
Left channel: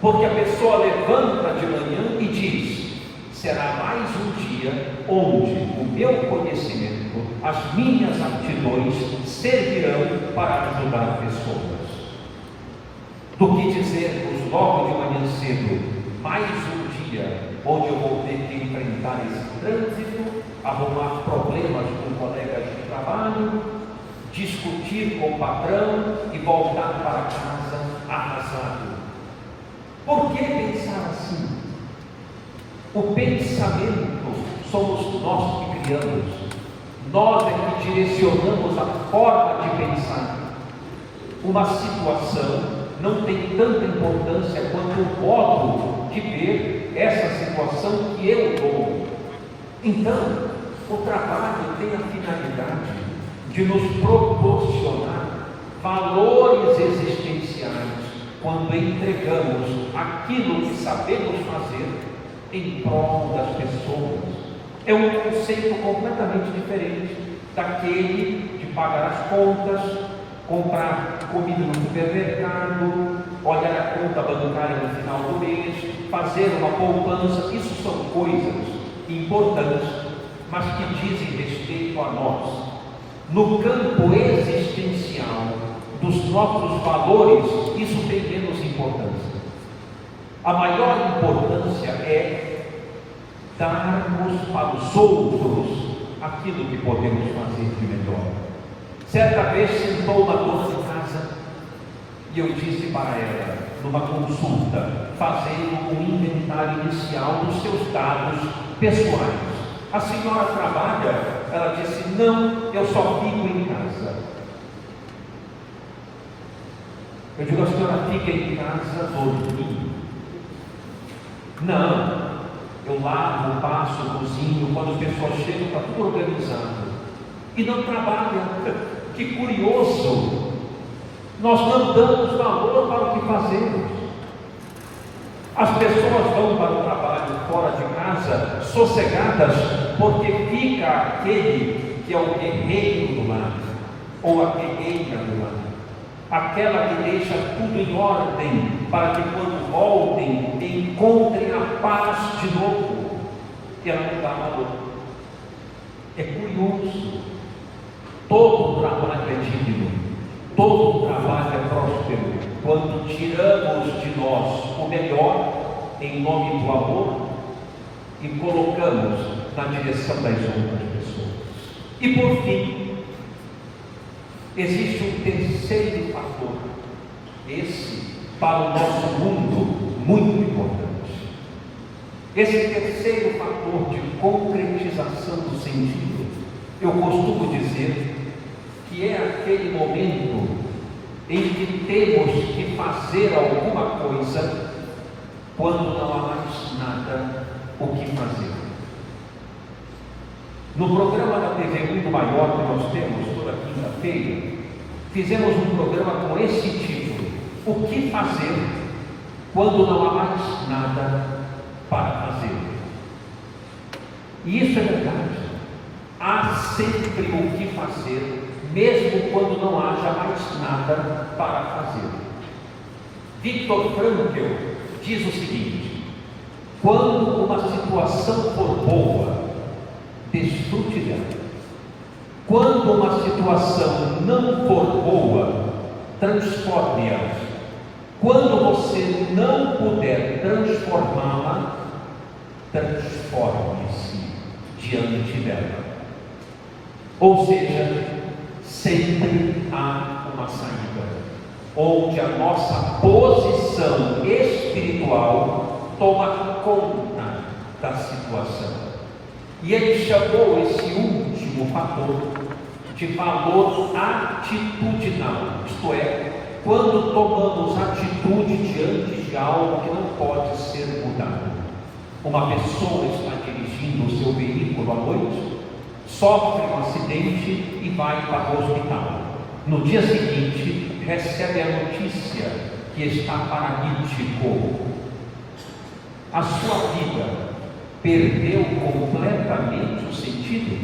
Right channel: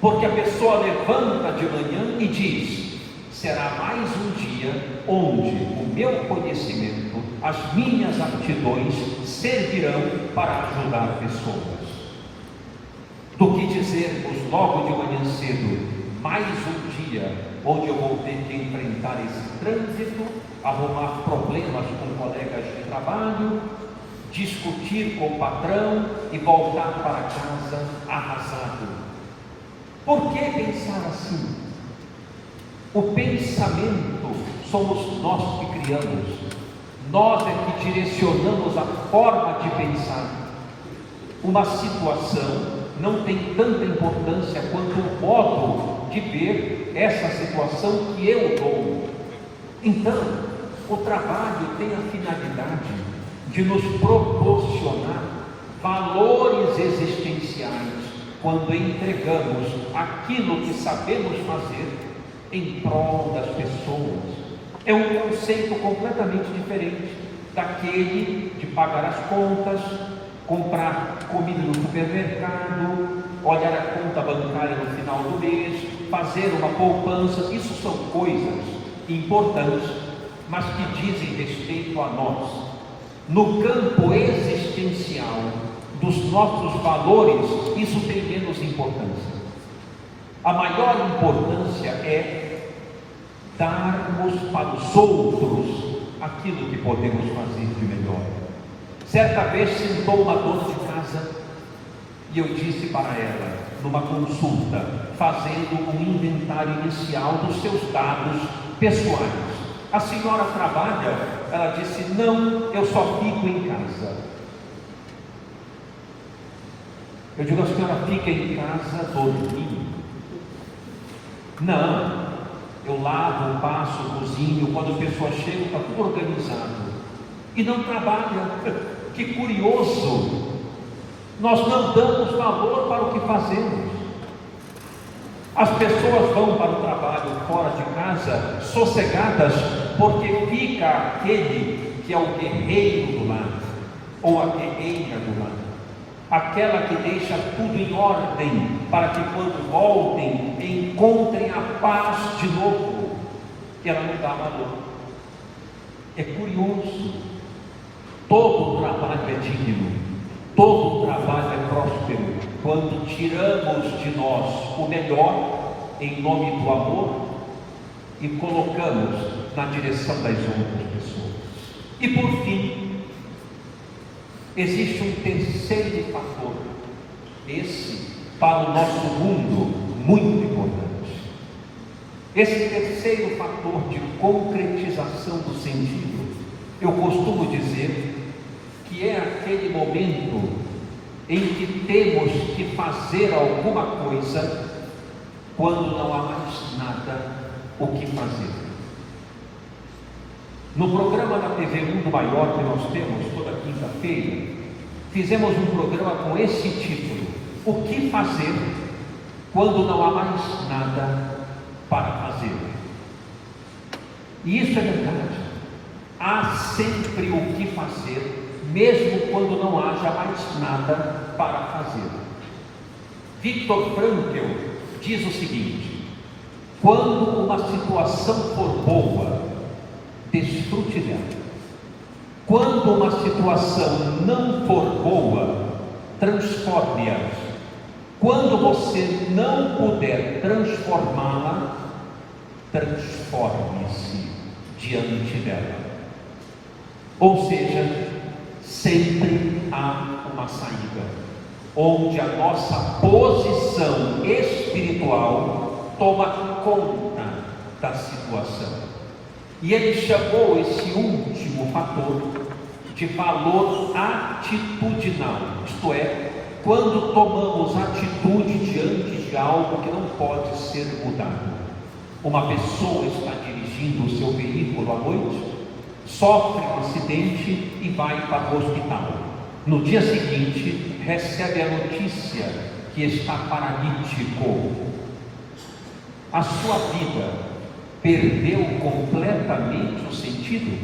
Porque a pessoa levanta de manhã e diz: será mais um dia onde o meu conhecimento, as minhas aptidões servirão para ajudar pessoas. Do que dizermos logo de manhã cedo: mais um dia onde eu vou ter que enfrentar esse trânsito, arrumar problemas com colegas de trabalho, discutir com o patrão e voltar para casa arrasado. Por que pensar assim? O pensamento somos nós que criamos. Nós é que direcionamos a forma de pensar. Uma situação não tem tanta importância quanto o modo de ver essa situação que eu dou. Então, o trabalho tem a finalidade de nos proporcionar valores existenciais quando entregamos aquilo que sabemos fazer em prol das pessoas. É um conceito completamente diferente daquele de pagar as contas, comprar comida no supermercado, olhar a conta bancária no final do mês, fazer uma poupança. Isso são coisas importantes, mas que dizem respeito a nós. No campo existencial dos nossos valores, isso tem menos importância. A maior importância é darmos para os outros aquilo que podemos fazer de melhor. Certa vez sentou uma dona de casa e eu disse para ela, numa consulta, fazendo um inventário inicial dos seus dados pessoais: a senhora trabalha? Ela disse: não, eu só fico em casa. Eu digo: a senhora fica em casa dormindo? Não, eu lavo, passo, cozinho, quando a pessoa chega está tudo organizado. E não trabalha. Que curioso! Nós não damos valor para o que fazemos. As pessoas vão para o trabalho fora de casa sossegadas, porque fica aquele que é o guerreiro do lar, ou a guerreira do lar, aquela que deixa tudo em ordem, para que quando voltem, encontrem a paz de novo, que ela não dá valor. É curioso. Todo trabalho é digno, todo trabalho é próspero, quando tiramos de nós o melhor, em nome do amor, e colocamos na direção das outras pessoas. E por fim, existe um terceiro fator, esse para o nosso mundo muito importante. Esse terceiro fator de concretização do sentido, eu costumo dizer que é aquele momento em que temos que fazer alguma coisa quando não há mais nada o que fazer. No programa da TV Mundo Maior que nós temos toda quinta-feira, fizemos um programa com esse título: o que fazer quando não há mais nada para fazer? E isso é verdade. Há sempre o que fazer, mesmo quando não haja mais nada para fazer. Viktor Frankl diz o seguinte: quando uma situação for boa, desfrute dela. Quando uma situação não for boa, transforme-a. Quando você não puder transformá-la, transforme-se diante dela. Ou seja, sempre há uma saída, onde a nossa posição espiritual toma conta da situação. E ele chamou esse último fator de valor atitudinal, isto é, quando tomamos atitude diante de algo que não pode ser mudado. Uma pessoa está dirigindo o seu veículo à noite, sofre um acidente e vai para o hospital. No dia seguinte, recebe a notícia que está paralítico. A sua vida perdeu completamente o sentido?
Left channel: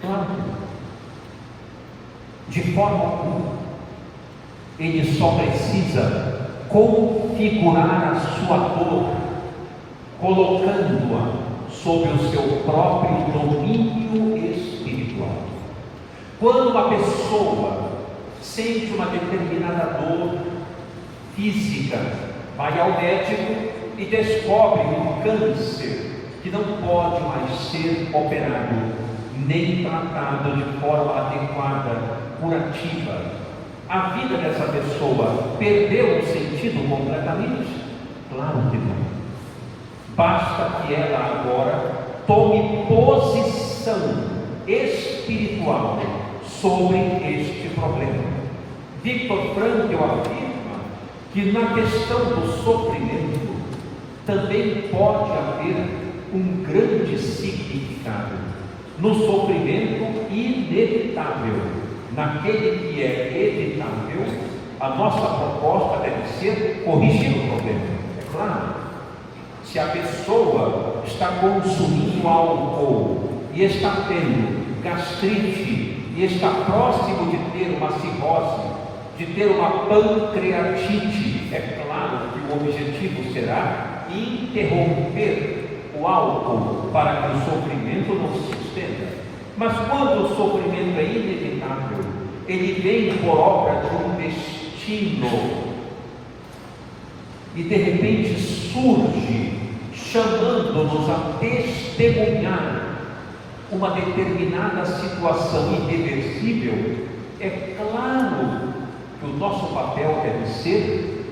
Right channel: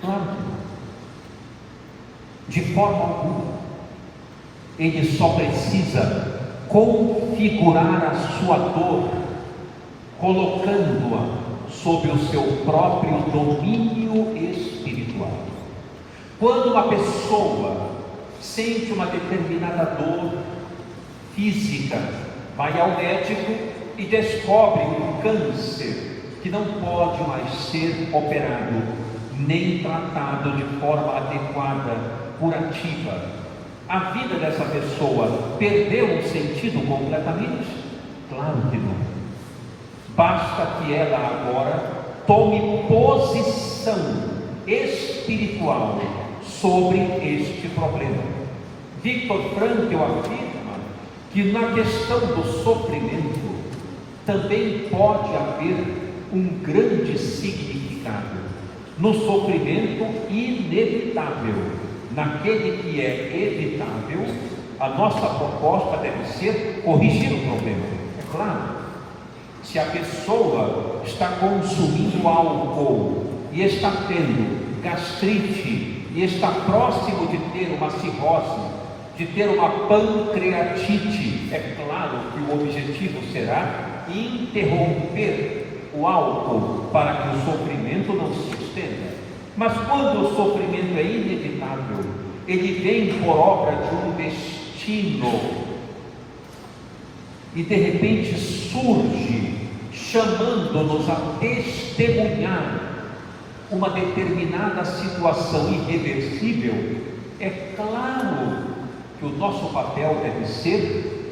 Claro que não. De forma alguma. Ele só precisa configurar a sua dor, colocando-a sob o seu próprio domínio espiritual. Quando uma pessoa sente uma determinada dor física, vai ao médico e descobre um câncer que não pode mais ser operado, nem tratado de forma adequada, curativa. A vida dessa pessoa perdeu o sentido completamente? Claro que não. Basta que ela agora tome posição espiritual sobre este problema. Viktor Frankl afirma que na questão do sofrimento também pode haver um grande significado. No sofrimento inevitável, naquele que é evitável, a nossa proposta deve ser corrigir o problema. Claro, se a pessoa está consumindo álcool e está tendo gastrite e está próximo de ter uma cirrose, de ter uma pancreatite, é claro que o objetivo será interromper o álcool para que o sofrimento não se estenda. Mas quando o sofrimento é inevitável, ele vem por obra de um destino e de repente surge chamando-nos a testemunhar uma determinada situação irreversível, é claro que o nosso papel deve ser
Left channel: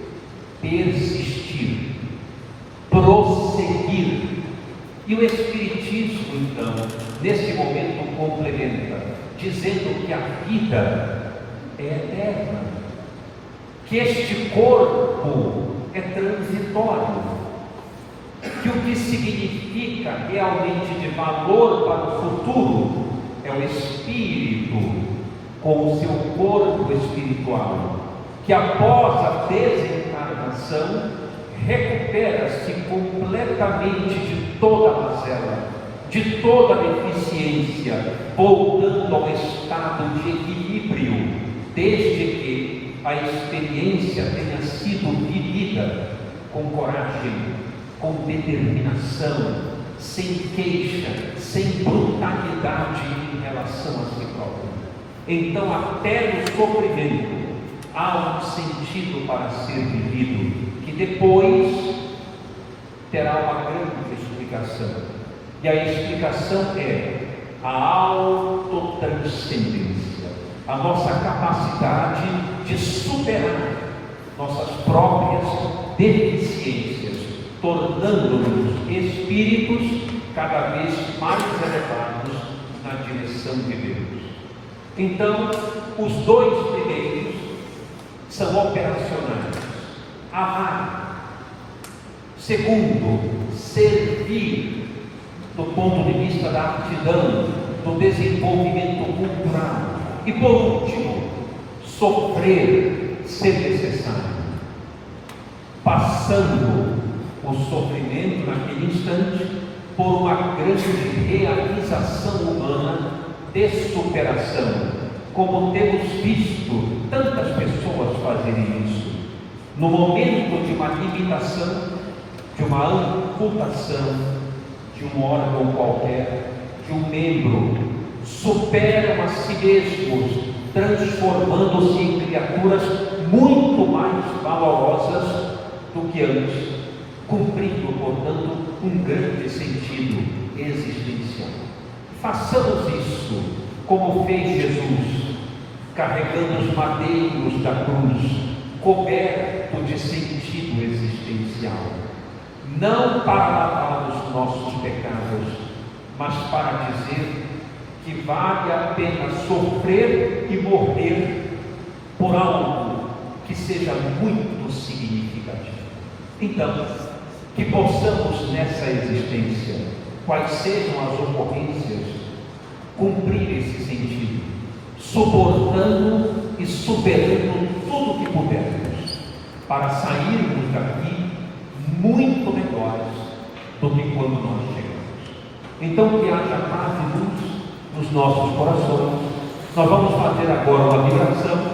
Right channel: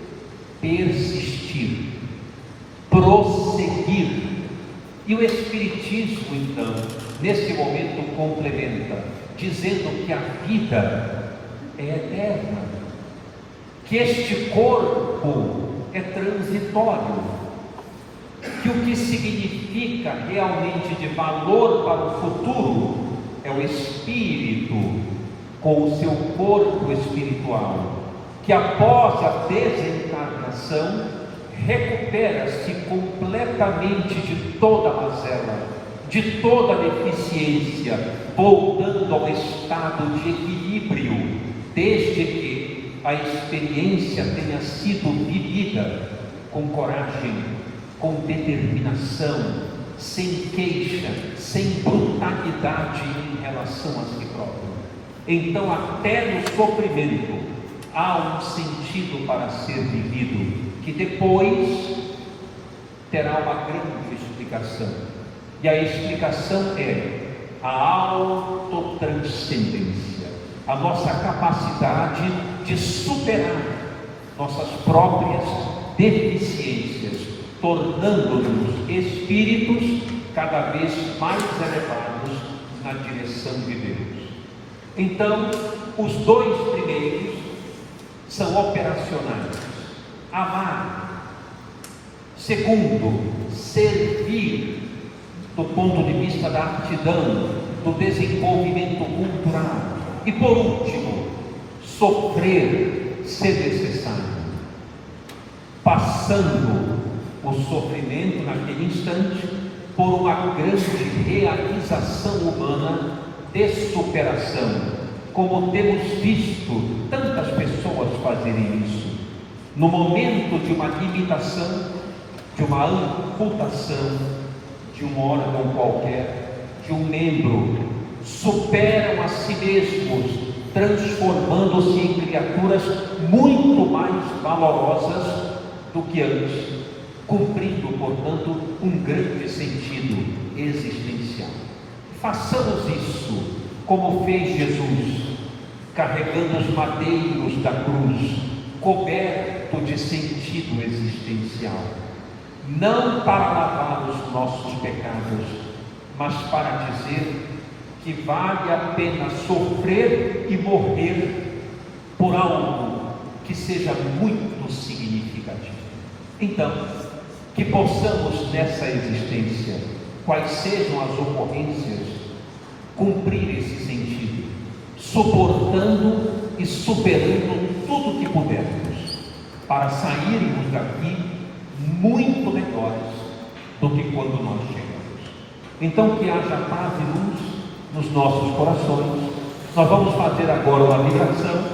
persistir, prosseguir. E o Espiritismo, então, nesse momento complementa, dizendo que a vida é eterna, que este corpo é transitório, que o que significa realmente de valor para o futuro é o espírito com o seu corpo espiritual, que após a desencarnação recupera-se completamente de toda a mazela, de toda a deficiência, voltando ao estado de equilíbrio, desde que a experiência tenha sido vivida com coragem, com determinação, sem queixa, sem brutalidade em relação a si próprio. Então, até no sofrimento há um sentido para ser vivido, que depois terá uma grande explicação. E a explicação é a autotranscendência, a nossa capacidade de superar nossas próprias deficiências, tornando-nos espíritos cada vez mais elevados na direção de Deus. Então, os dois primeiros são operacionais: amar. Segundo, servir, do ponto de vista da aptidão, do desenvolvimento cultural. E por último, sofrer se necessário, passando o sofrimento naquele instante por uma grande realização humana de superação, como temos visto tantas pessoas fazerem isso. no momento de uma limitação, de uma amputação, de um órgão qualquer, de um membro, superam a si mesmos, transformando-se em criaturas muito mais valorosas do que antes, cumprindo, portanto, um grande sentido existencial. Façamos isso como fez Jesus, carregando os madeiros da cruz, coberto de sentido existencial, não para lavar os nossos pecados, mas para dizer que vale a pena sofrer e morrer por algo que seja muito significativo. Então, que possamos nessa existência, quais sejam as ocorrências, cumprir esse sentido, suportando e superando tudo que pudermos, para sairmos daqui muito melhores do que quando nós chegamos. Então, que haja paz e luz nos nossos corações. Nós vamos fazer agora uma migração